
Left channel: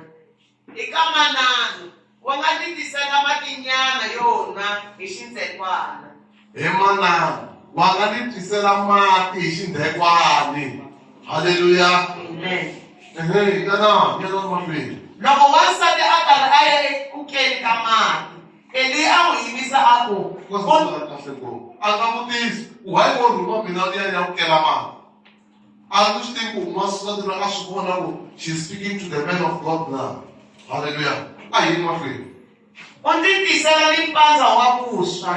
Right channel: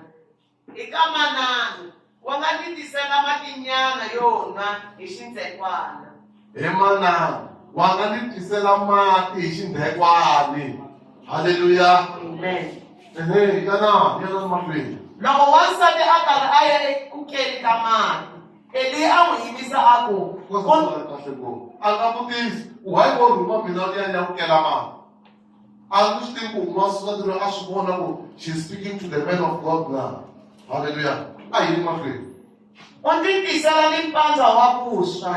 eka manana wa nga ni tisela matinyana yona hi xindzekwani. Hey manana, wa nga ni tisela mati hi xindhekwani. Hallelujah. Amen. Yana mahlweni. Loko wansati a karhi a ya eku keni ka mati, Eli a n'wi yivisa a ku, A nga vutisi, why wo rhuma mina liya ya ku kela mati? A ndzi swi tivi ku n'wansati loyi a swi vona ku she's speaking to the man of God now. Hallelujah. A hi mahlweni. u ndzi tisela ni mpandza wa vuswa.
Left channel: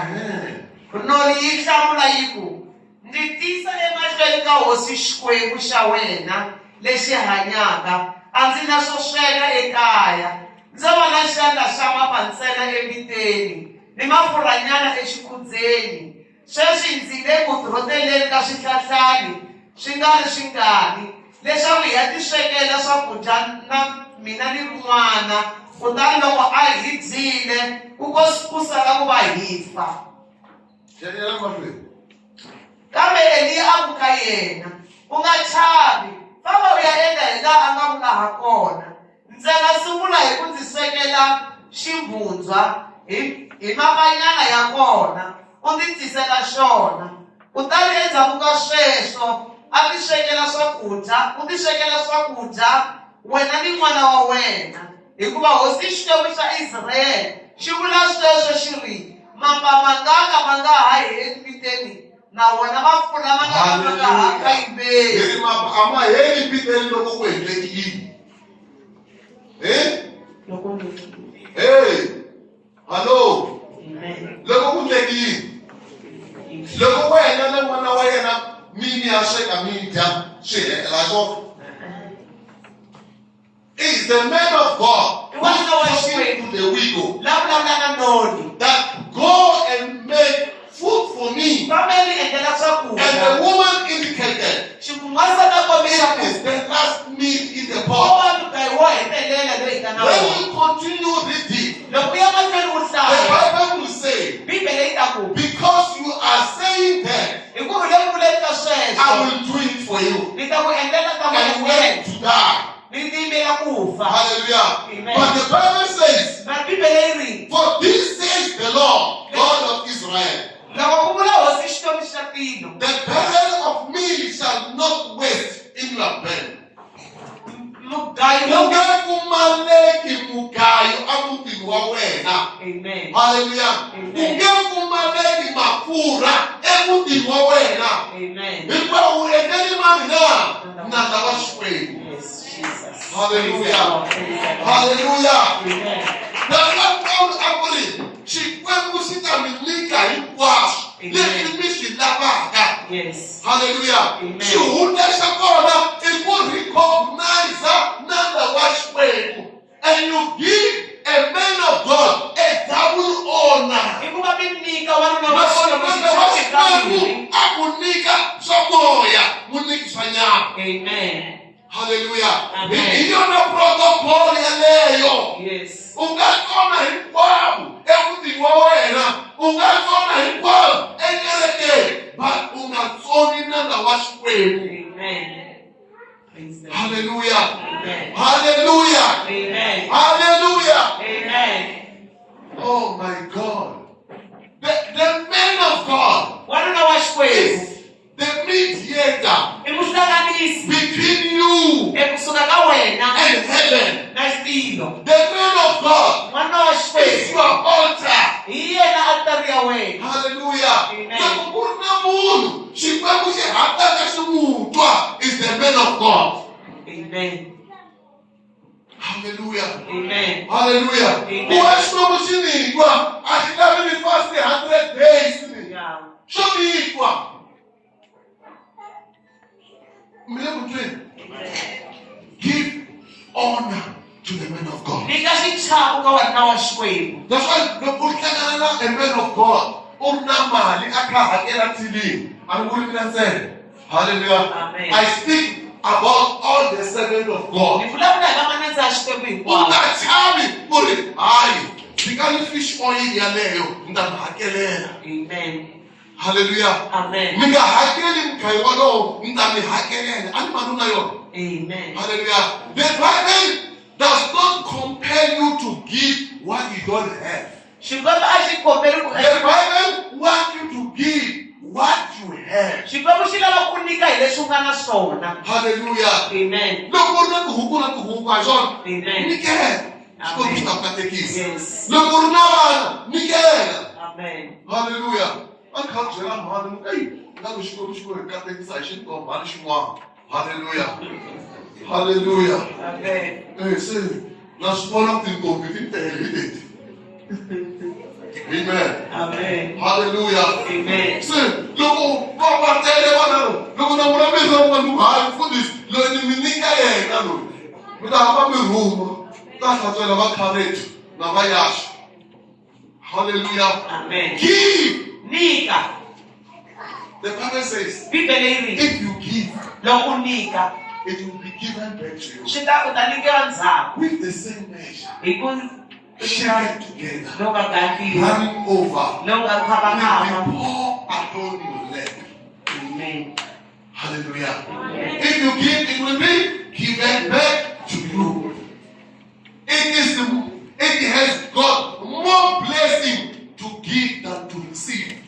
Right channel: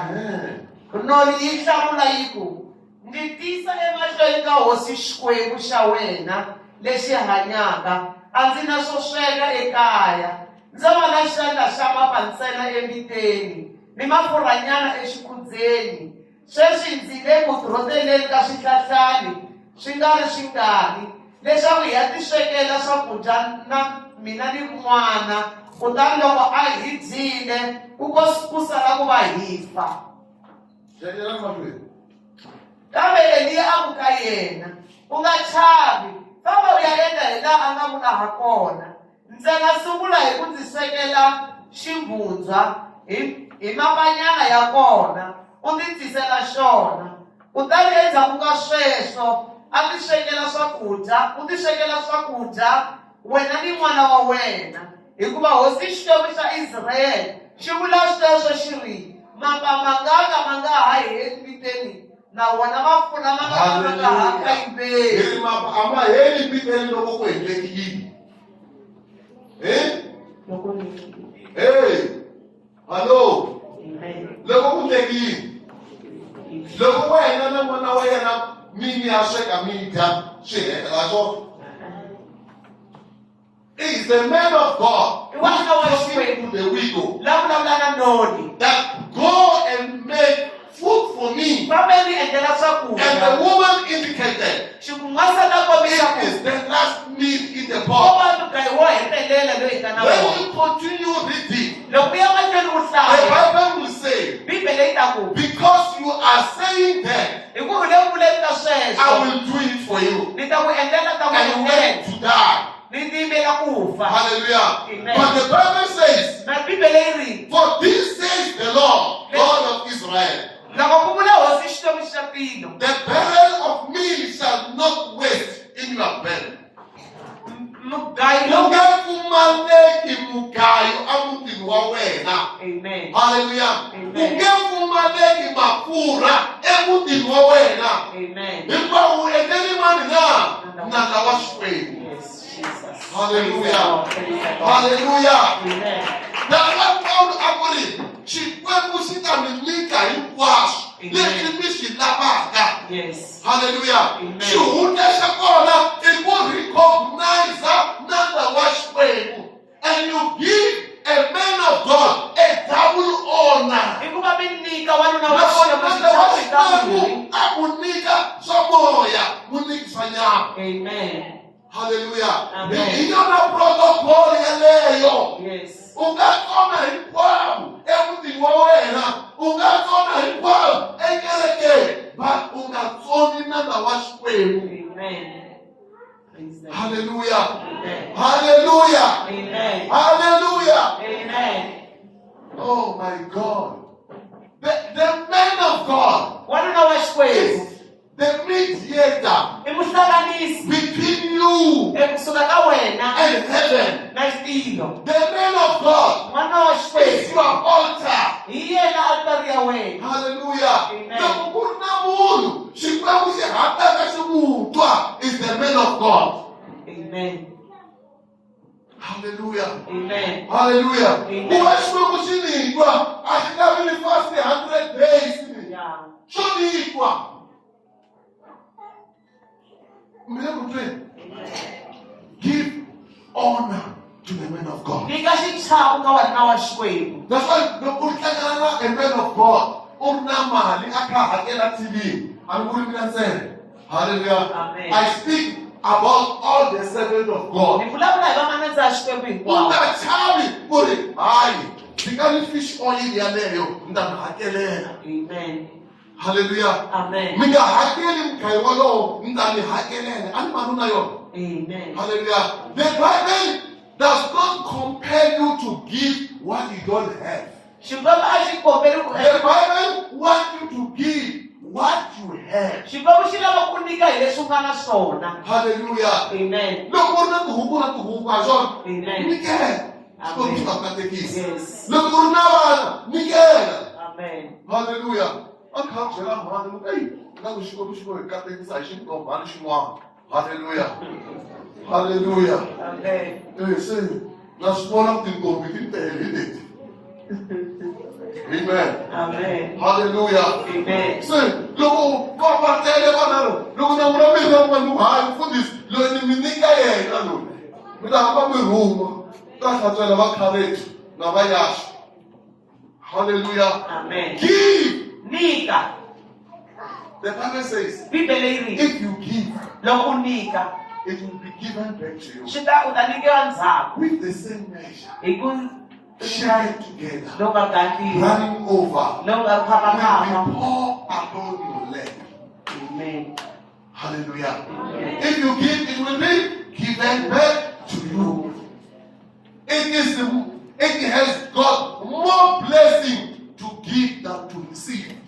Noli yi hlamula yi ku, ndzi tisa emahlweni ka hosi Xikwembu xa wena lexi hanyaka, a ndzi na swo sweka ekaya. Ndzo vona xandla xa mapa ntsena emiteni ni mafurhanyana exikhudzeni. Sweswi ndzi le ku rhoteleni ka swihlahlani swi nga ri swingani, leswaku hi ya ti swekela swakudya na mina ni n'wana, kutani loko a hi dyile ku sala ku va hi fa. Kambe Eliya a ku ka yena, u nga chavi, famba u ya endla hi laha a nga vula ha kona. Ntsena sungula hi ku ndzi swekela ximbundzwa hi mapanyana ya kona, u ndzi tisela xona. Kutani endzhaku ka sweswo a ti swekela swakudya, u ti swekela swakudya wena ni n'wana wa wena, hikuva hosi Xikwembu xa Israyele xi vula sweswo xi ri, mapa mangaka ma nga ha hi emiteni na wona mafurha ma nga ha kayiveli. Mapa a ma heli emiteni loko ku endleki yini? Hey, hello. Loko ku endleki yini? Loko wena na n'wana wa yena mini ya sweka mi dya swi hela swona. Is the man of God who is talking to the widow that go and make food for me? And the woman indicated this is the last meal in the pot. When we continue reading, the Bible will say, because you are saying that, I will do it for you. And you went to die. Hallelujah. Amen. But the Bible says, for this says the Lord, God of Israel, the barrel of meal shall not waste in your belly. Amen. Hallelujah. Amen. Amen. Yes, Jesus. Hallelujah. Hallelujah. Hallelujah. Amen. That's what Paul agreed. Xikwembu xi ta mi nyika hinkwaswo leswi mi swi lavaka. Yes. Hallelujah. Amen. Xihundla xa kona i ku recognize nandla wa Xikwembu. And you give a man of God a double honor. Akunika swamoya, muniki swanyama. Amen. Hallelujah. Amen. Iyona protocol yaleyo. Yes. Ungakhona hinkwavo emutini wa wena, ungakhona hinkwavo ekerekeni, but ungatsoni nandla wa Xikwembu. Amen. Praise the Lord. Hallelujah. Amen. Hallelujah. Amen. Hallelujah. Amen. Oh my God. The man of God is the mediator between you and heaven. The man of God is your altar. Hallelujah. Is the man of God. Amen. Hallelujah. Amen. Hallelujah. Amen. Who has promotion? I should have been fasting 100 days. Yeah. Show me equal. Give honor to the man of God. That's why the man of God. Hallelujah. Amen. I speak about all the servants of God. Fish oil. Amen. Hallelujah. Amen. Minga hakeli mkaiwalo mtani hakelele. Ani manuna yo. Amen. Hallelujah. The Bible does not compel you to give what you don't have. The Bible wants you to give what you have. Hallelujah. Amen. Look what the Huku Amen. Nickel. Yes. Look what Nickel. Amen. Hallelujah. I can't tell you. Hey, hallelujah. Hallelujah. Amen. Hey, say, now small thing go within the Amen. Amen. Hallelujah. Amen. Say, look, Papa, tell them, look, I'm going to for this. Look, me nika ye, na lo. Me da hapa me room. That's what I'm about courage. Na ba yash. Hallelujah. Amen. Give. Nika. The Bible says, Bibele if you give, loko nika. it will be given back to you. Shita utanikiwa nzako. With the same measure. Iku Shake it together. loka gaki. Running over. Loka kapa. Will be pour upon your lap. Amen. Hallelujah. Amen. If you give, it will be given back to you. It has got more blessing to give than to receive.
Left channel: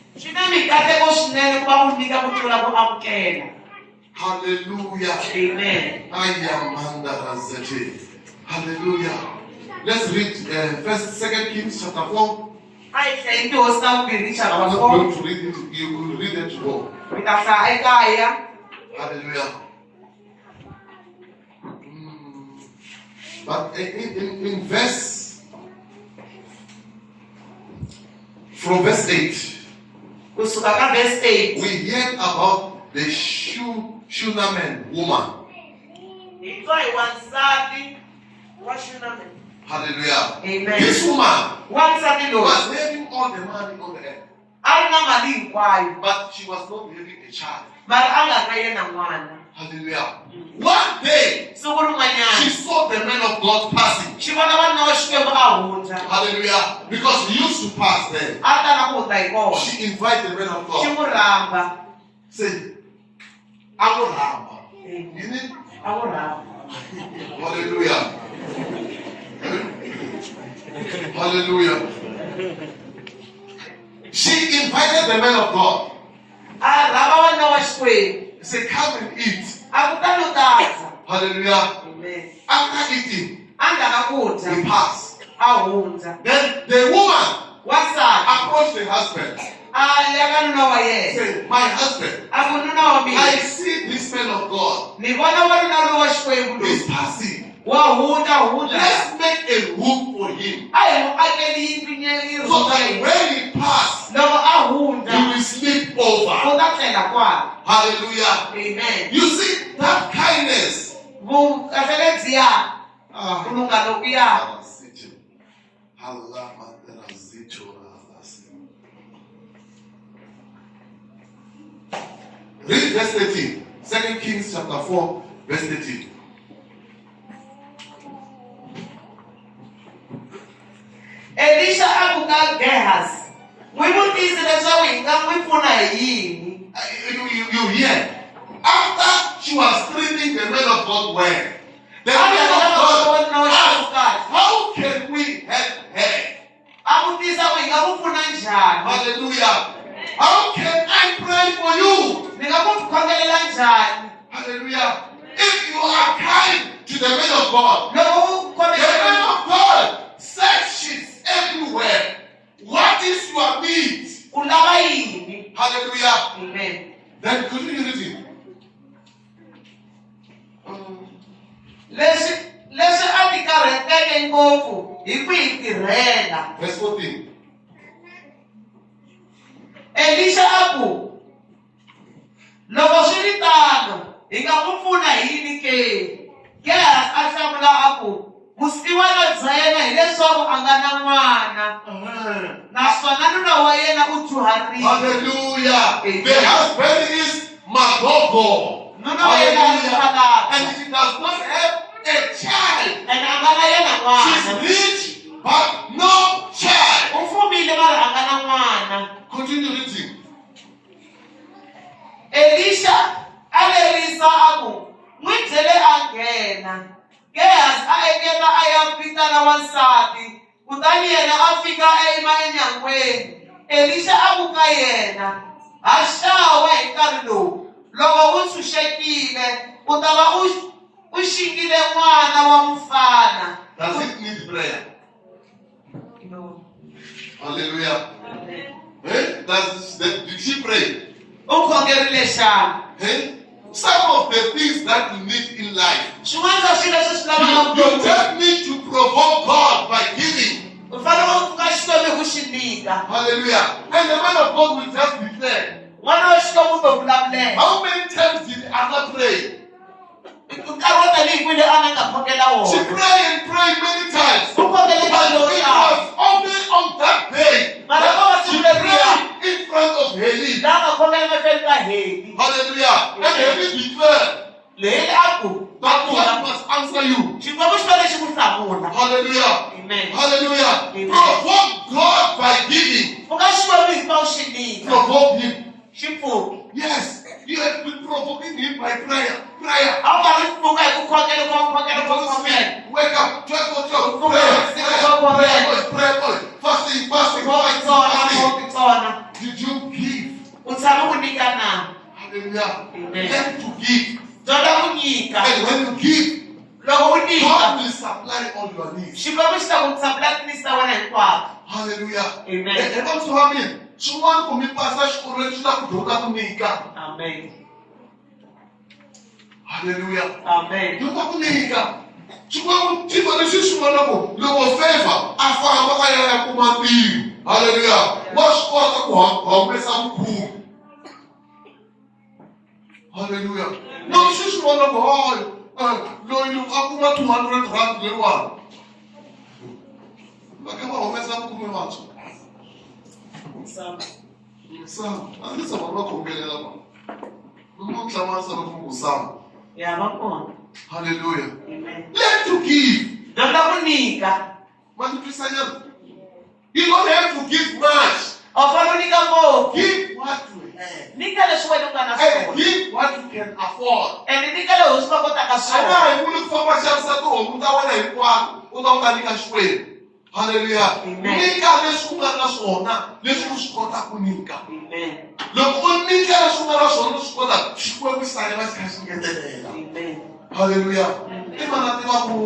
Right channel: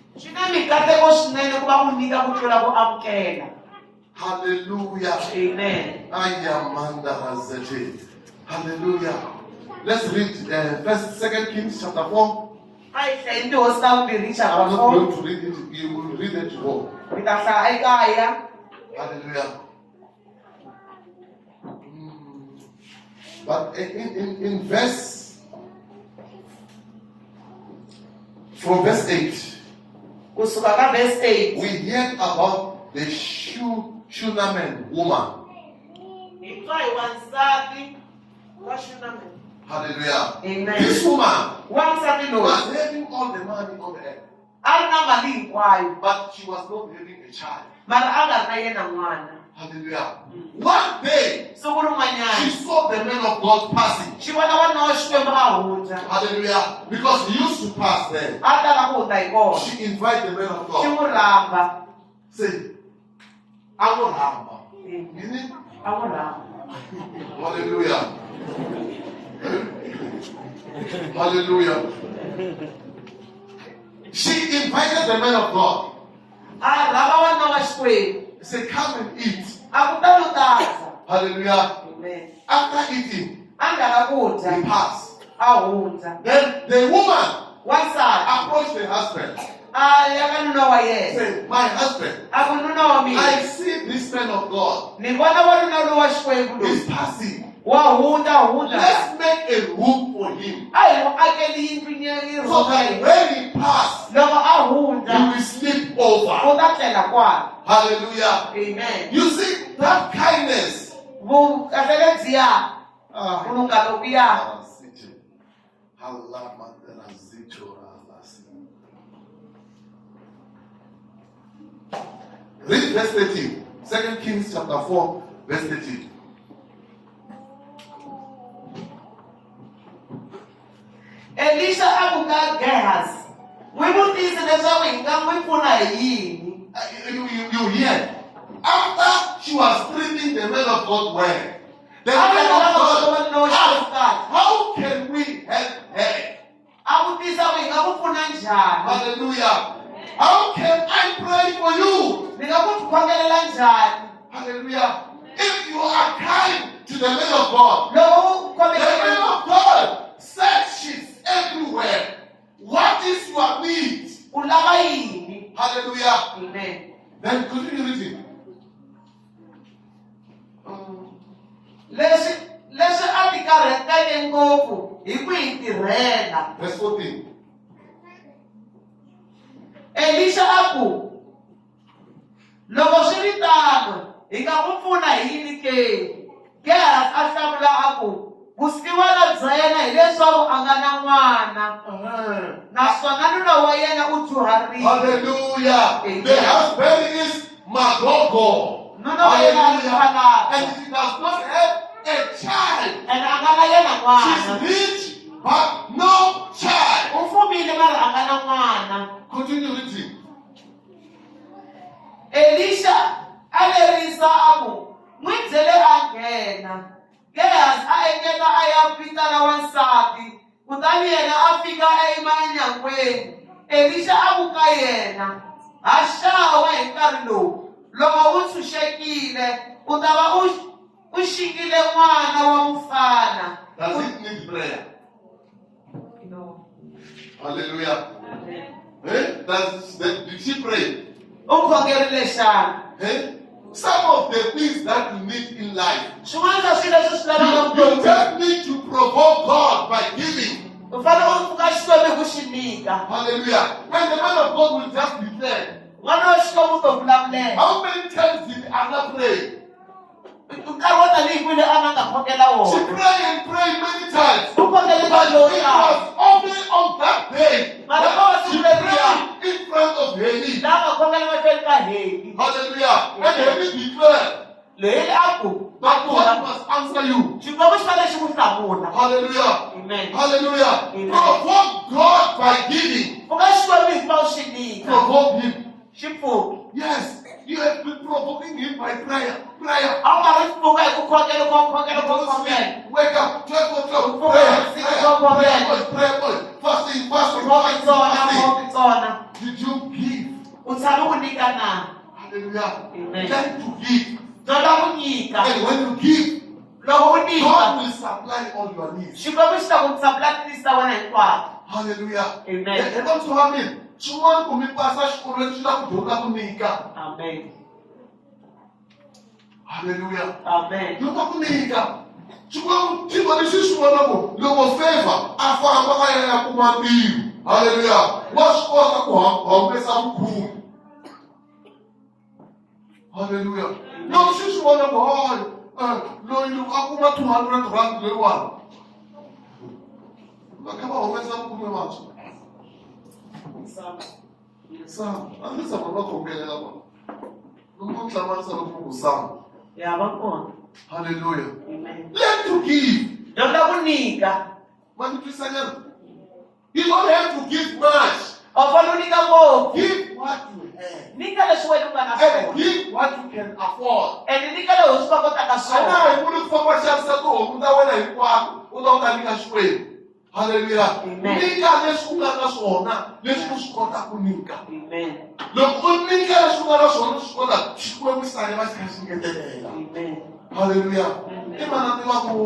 Hallelujah. Amen. Hallelujah. Let's read 2 Kings chapter 4. I'm not going to read it. You will read it tomorrow. Hallelujah. But in verse, from verse 8, we hear about the Shunammite woman. Hallelujah. Amen. This woman was was having all the money on the earth, but she was not having a child. Hallelujah. One day, she saw the man of God passing. Hallelujah. Because he used to pass there. She invited the man of God. Say, I will have. You need? Hallelujah. Hallelujah. She invited the man of God. He said, come and eat. Hallelujah. Amen. After eating, he passed. Then the woman approached the husband. Said, my husband, I see this man of God. He's passing. Let's make a room for him. So that when he passes, he will sleep over. Hallelujah. Amen. You see that kindness. Read verse 13. 2 Kings chapter 4, verse 13. Elisha abuka Gehazi. You hear? After she was treating the man of God well, the man of God asked, how can we help her? Hallelujah. How can I pray for you? Hallelujah. If you are kind to the man of God, the man of God searches everywhere. What is your need? Hallelujah. Amen. Then continue reading. Verse 14. Elisha abu loko swi vitano hi nga n'wi pfuna hi yini ke? Gehazi a hlamula abu vusiwana bya yena hileswaku a nga na n'wana naswona nuna wa yena u dyuharile. Hallelujah. The husband is Magogo. Nuna wa yena a dyuhala And she does not have a child. ene a nga na yena She's n'wana. rich but no child. U fumile mara a nga na n'wana. Continue reading. leswaku n'wi byele a nghena. Gehazi a engeta a ya vitana wansati, kutani yena a fika emanyangweni. Elisha a vuka yena, ha xawa hi nkarhi lowu. Loko u tshunxekile, u ta va u xikile n'wana wa mufana. Does it need prayer? No. Hallelujah. Amen. Did she pray? U khongerile xana. Some of the things that you need in life, Swin'wana swa swilo leswi swi lavaka you just need to provoke God by giving. u fanele u pfuka Xikwembu hi ku xi nyika. Hallelujah. And the man of God will just declare. N'wana wa Xikwembu u to vulavulela. How many times did Anna pray? Nkarhi wo tanihi kwini a nga khongela She wona. prayed and prayed many times. U khongele But nkarhi wo it tala. was only on that day that she prayed in front of Heli. Laha nga khongela mahlweni ka Heli. Hallelujah. And Heli declared Leyi a ku that God must answer you. Xikwembu xi fanele xi ku hlamula. Hallelujah. Amen. Hallelujah. Amen. Provoke God by giving. Pfuka Xikwembu hi ku va u xi nyika. Provoke Him. Xi pfuki. Yes. You have been provoking Him by prayer. Prayer. A wu nga ri pfuka hi ku khongela ku khongela ku khongela. Wake up, 12 o'clock, prayer, prayer, fasting, fasting. Did you give? U tshama u nyika na. Hallelujah. Amen. Learn to give. Dyondza ku nyika. And when you give, Loko u nyika, God will supply all your needs. Xikwembu xi ta ku tshamela tineeds ta wena hinkwato. Hallelujah. Amen. Eka muthu wa mina, swin'wana ku mi pasa xikolweni swi ta ku dyondza ku nyika. Amen. Hallelujah. Amen. Dyondza ku nyika. Swin'wana swilo leswi swi vonaka loko favor a famba a ya kuma ntivo. Hallelujah. Wa swi kota ku humesa vukhume. Hallelujah. Loko swi swi vona ku loyi a kuma 200 rand leyiwani. Va kha va humesa vukhume vantshwa. Sam, a ndzi tshama va khongelela vona. Loko ku hlanganisa loko ku Sam. Ya va kona. Hallelujah. Amen. Learn to give. Dyondza ku nyika. Multiply. You don't have to give much. U fanele u nyika ngopfu. Give what you have. Nyika leswi wena u nga na And swona. give what you can afford. And nyika leyi u swi va kotaka A swona. nga ha vuli ku famba xavisa tihomu ta wena hinkwato u ta u ta nyika Xikwembu. Hallelujah. Amen. Nyika leswi u nga na swona leswi u swi kotaka ku nyika. Amen. Loko u nyika leswi u nga na swona u swi kotaka Xikwembu xi sale va xi kha xi ngetelela. Amen. Hallelujah. I vana tiva ku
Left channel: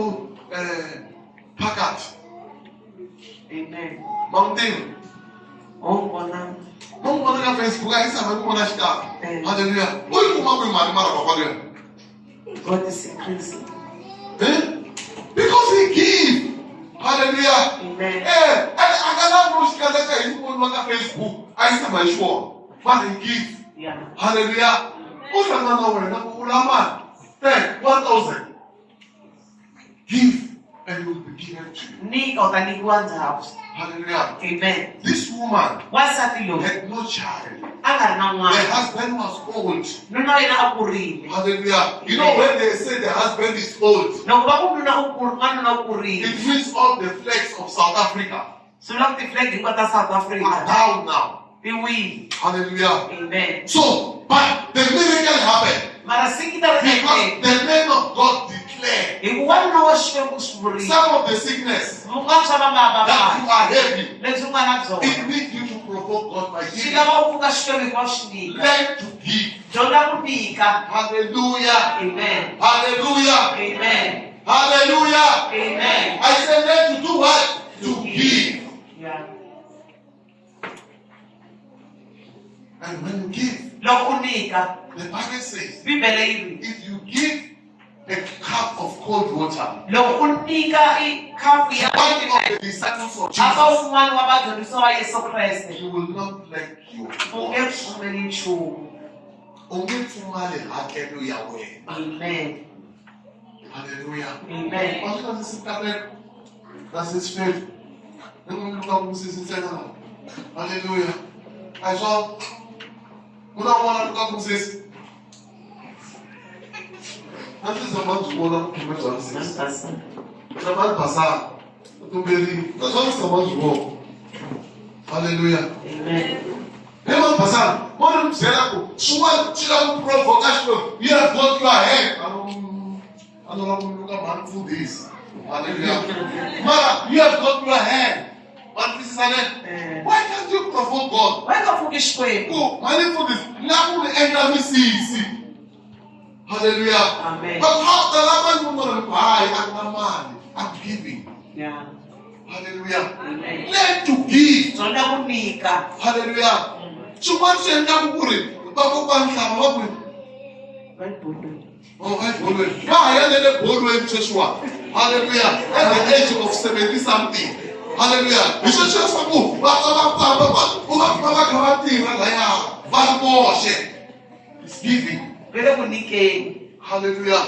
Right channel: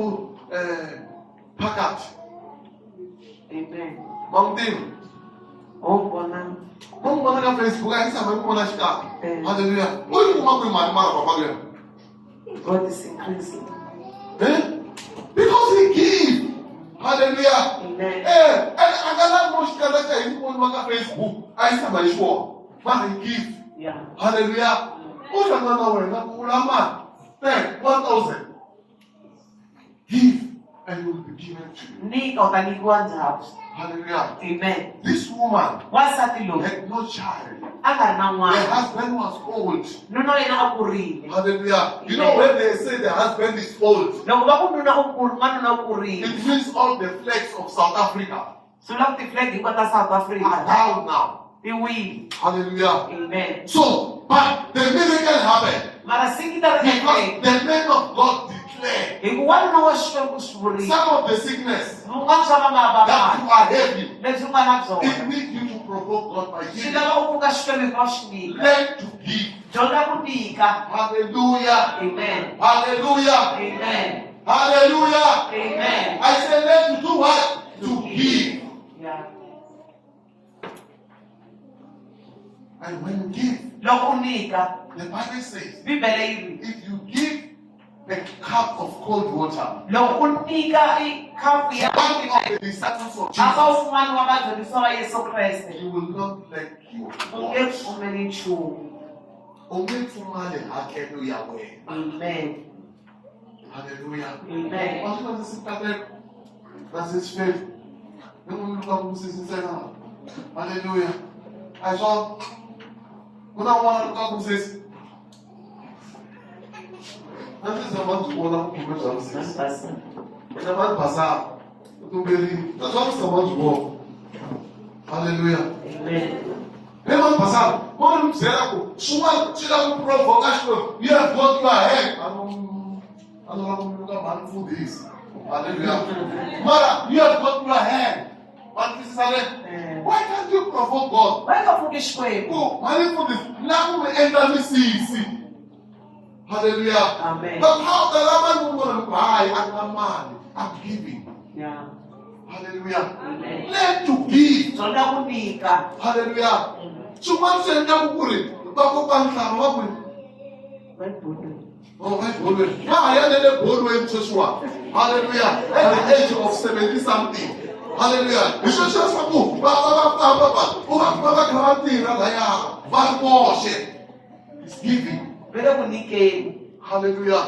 phakati. Amen. Ma n'wi tivi? Oh, vona. Ma n'wi vona ka Facebook a yi tshama yi ku vona xikapi. Mm. Hallelujah. U yi kuma kwihi mali mara va kwaleno? God is increasing. Because he give. Hallelujah. Amen. A nga lavi no xi katsaka hi voniwa ka Facebook a yi tshama yi xi vona. But he give. Yeah. Hallelujah. U hlangana na wena ku vula mali 10,000. Give and you will be given to you. Nyika u ta nyikiwa ndzhaku. Hallelujah. Amen. This woman Wansati loyi had no child. a nga ri na The n'wana. husband was old. Nuna wa yena a kurile. Hallelujah. You know when they say the husband is old, Loko va ku nuna u kulu n'wanuna u kurile. it means all the flags of South Africa Swi vula ku ti-flag hinkwato ta South are Africa down now. ti wile. Hallelujah. Amen. So, but the miracle happened Mara sikita ri because endleka. the man of God declared Hi ku wanuna wa Xikwembu swi vurile. some of the sickness Vun'wana swa that you vamavabava are heavy. lebyi u nga na It byona. needs you to provoke God by Swi giving. lava u pfuka Xikwembu hikuva swi nyika. Learn to give. Dyondza ku nyika. Hallelujah. Amen. Hallelujah. Amen. Hallelujah. Amen. I say learn to do what? To give. Yeah. And when you give, Loko u nyika, the Bible says, Bibele yi ri. if you give a cup of cold water, Loko u nyika i khapu ya one of the disciples of aka Jesus, wun'wana wa vadyondzisi va Yesu Kreste, you will not lack your u nge water. pfumeli nchumu. U nge pfumali hakelo ya wena. Amen. Hallelujah. Amen. What does this happen? That's his faith. Then we look up Mrs. Insana. Hallelujah. I saw when I want to look up Mrs. That is the man to hold up to Mrs. The man Basa. To believe. That's what the man to walk. Hallelujah. Amen. Hey, man Basa. What You have got your hand. I don't know look at man food is. Hallelujah. Mara, you have got your hand. But this is why can't you provoke God? Why not forget Shway? Oh, money for this. Now we enter me see. Hallelujah. Amen. But how the woman will buy and money? I'm giving. Yeah. Hallelujah. Amen. Learn to give. Sonda kunika. Hallelujah. Chuma chenda kukuri. Bako banhlaba bakwe. Oh, Bodwe. Yeah, yeah, they Bodwe in Joshua. Hallelujah. At the age of 70 something. Hallelujah. You should just go. It's giving. Hallelujah.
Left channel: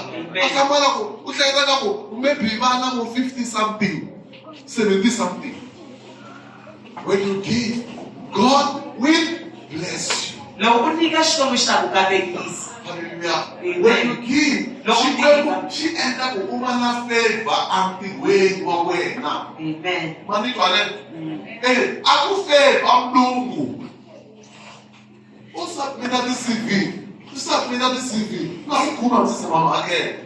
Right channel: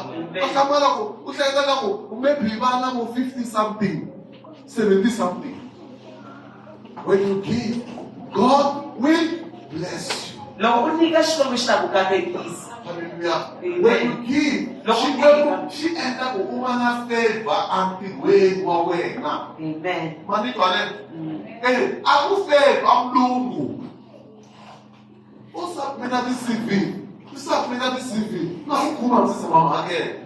Maybe 50 something, 70 something. When you give, God will bless you. Hallelujah. When you give, she ends up with woman favor and the way you are wearing now. Amen. Money hey, I will say I'm Lungu. What's up with this CV? What's up with this CV? Now come on, sister mama again.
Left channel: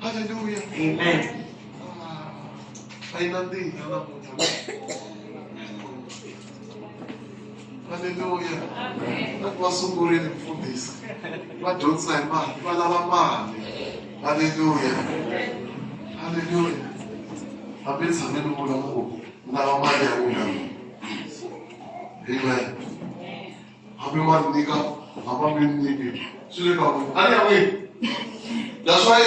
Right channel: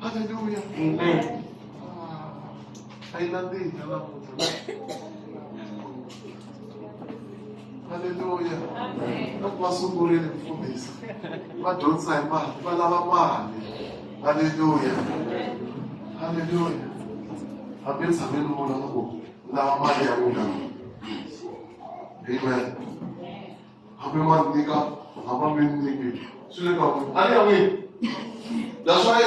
Hallelujah. Amen. Hallelujah. That was so good in this. But don't say man, but I'm Hallelujah. Hallelujah. I've been saying now Amen. I've been one nigga. I've been nigga. That's why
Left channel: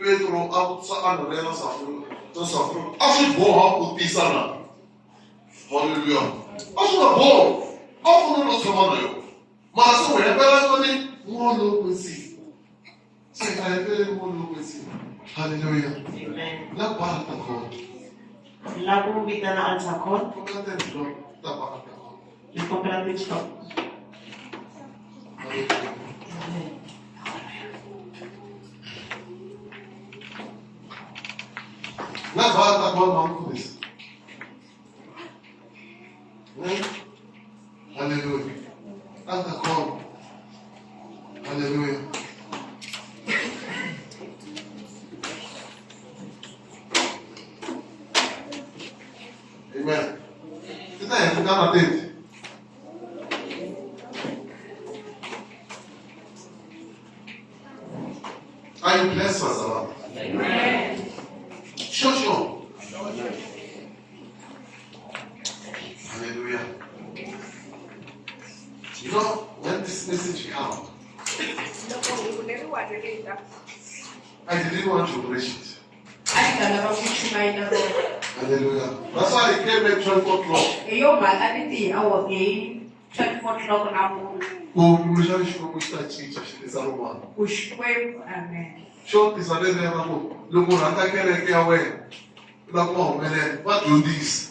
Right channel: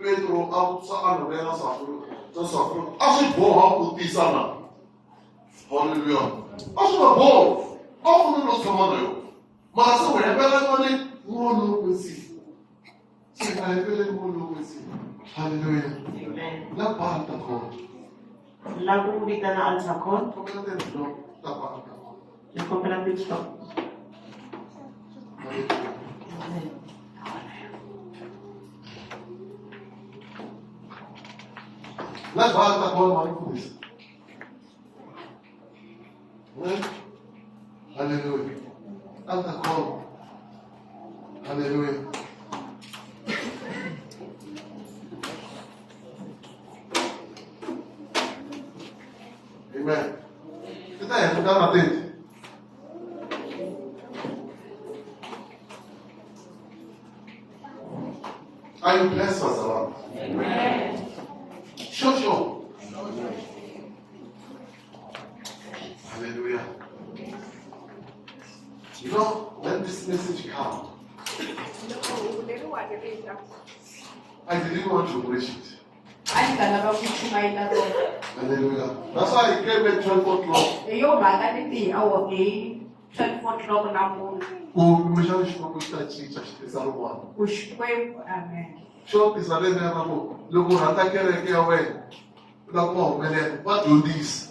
Pedro outside and then suffer. I should go out with this Hallelujah. I should have gone. Often not tomorrow. Master, we have better more look see. Say, I have better more look see. Hallelujah. Amen. La parte God. La bubita na alzakon. La parte God. You compare with stop. La parte God, man, for this. Hallelujah. Altar call. Hallelujah. Amen. Kita yang kita mati. Are you blessed, Pastor? Amen. Sure. Hallelujah. You know, when this message comes, I didn't want to preach it. Hallelujah. That's why I came at 12 o'clock. What do this?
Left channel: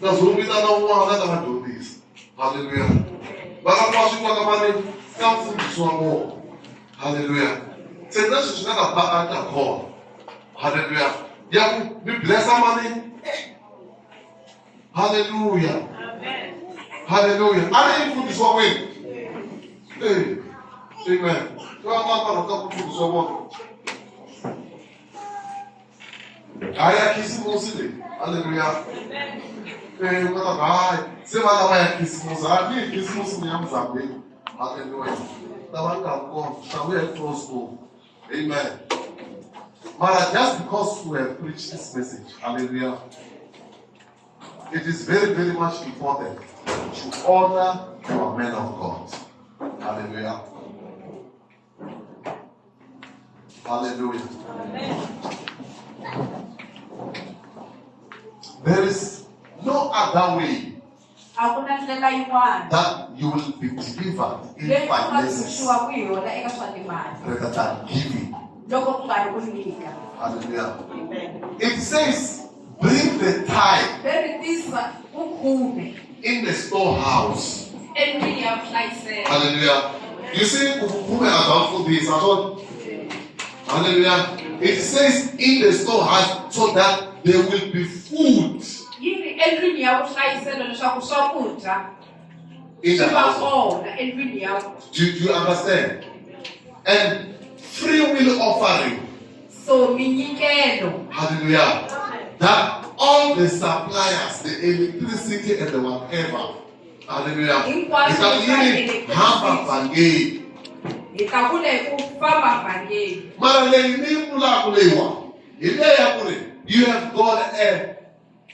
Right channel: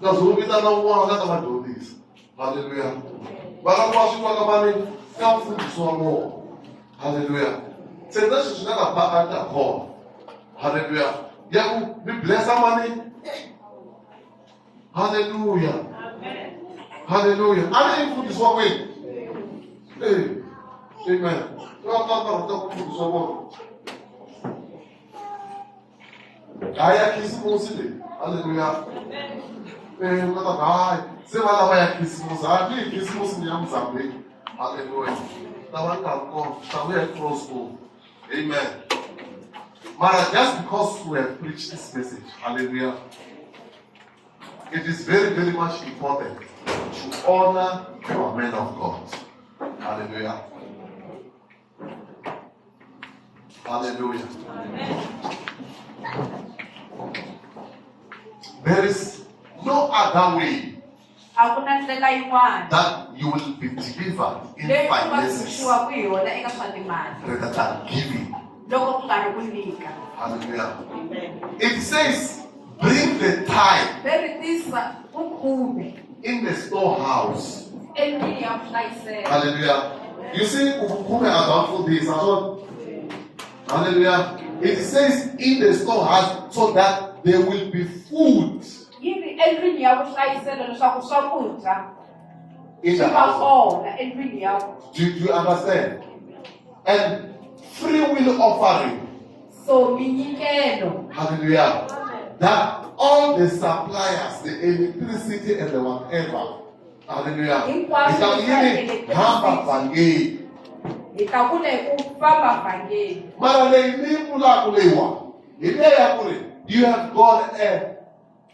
Because we don't want to do this. Hallelujah. But I'm watching the money. Come food so more. Hallelujah. Say this is not about the call. Hallelujah. Yeah, we bless our money. Hallelujah. Amen. Hallelujah. I didn't put this one way. Hey. Amen. You are not going to put this one. I am kissing mostly. Hallelujah. Hey, what a guy. Say what I am kissing mostly. I am kissing mostly. Hallelujah. Shall we close to? Amen. Mara, just because we have preached this message, hallelujah, it is very, very much important to honor your men of God. Hallelujah. Hallelujah. There is no other way that you will be delivered in finances rather than giving. Hallelujah. It says, bring the tithe in the storehouse. Hallelujah. You see, who may have done for this? Hallelujah. It says in the storehouse so that there will be food. endlwini ya vuhlayiselo leswaku swakudya in swi the va house. kona endlwini ya Do you understand? And free will offering. so minyikelo Hallelujah. That all the suppliers, the electricity and the whatever. Hallelujah. hi ta vula hi ku famba vhangeni You have got a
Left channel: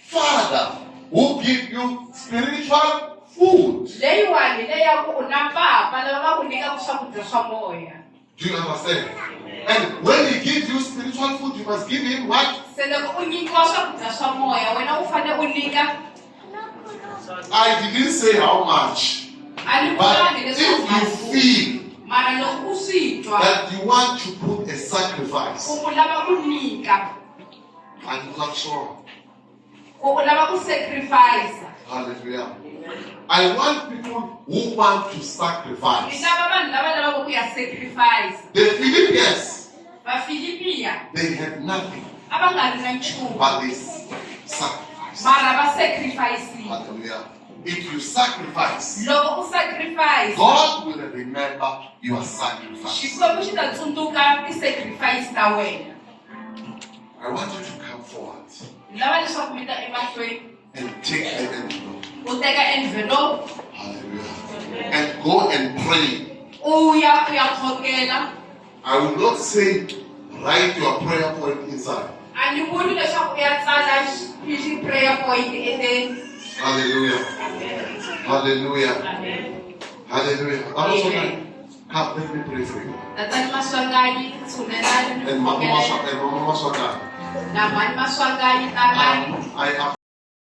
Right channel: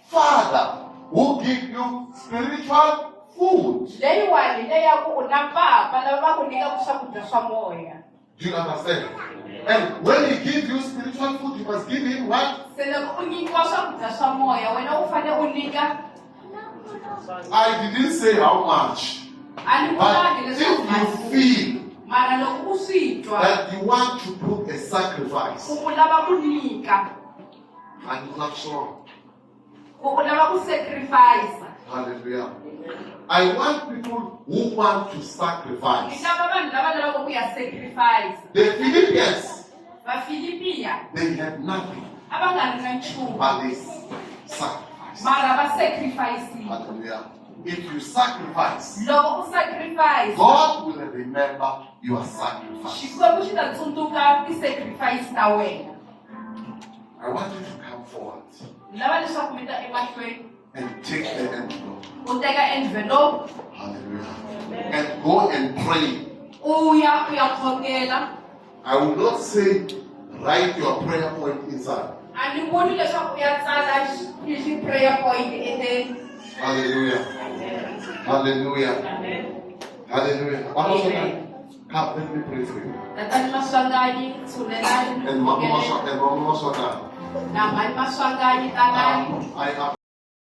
father who gives you spiritual food. leyiwani leya ku u na papa lava va ku nyikaka swakudya swa moya. Do you understand? And when he gives you spiritual food, you must give him what? Se loko u nyikiwa swakudya swa moya wena u fanele u nyika. I didn't say how much, A ni but vulangi if leswaku you feel mara loko u swi twa that you want to put a sacrifice, ku u lava ku nyika I'm not sure. ku u lava ku sacrifice. Hallelujah. I want people who want to Ni sacrifice. lava vanhu lava lavaka ku ya sacrifice. The Philippians, Vafilipiya they had nothing, a va nga ri na nchumu but they sacrificed. mara va sacrifice. Hallelujah. If you sacrifice, Loko u sacrifice God will remember your sacrifice. Xikwembu xi ta tsundzuka ti-sacrifice ta wena. I want you to come forward Ni lava leswaku mi ta emahlweni and take the envelope. u teka envelope Hallelujah. And go and pray. u ya khongela. I will not say write your prayer point inside. A ni vuli leswaku u ya tsala prayer point endzeni. Hallelujah. Hallelujah. Hallelujah. Amen. Come, let me pray for you. Tatani Maswanganyi, tshunelani ni And Mama khongeleni. Maswaka. Na mani Maswanganyi, talani. I am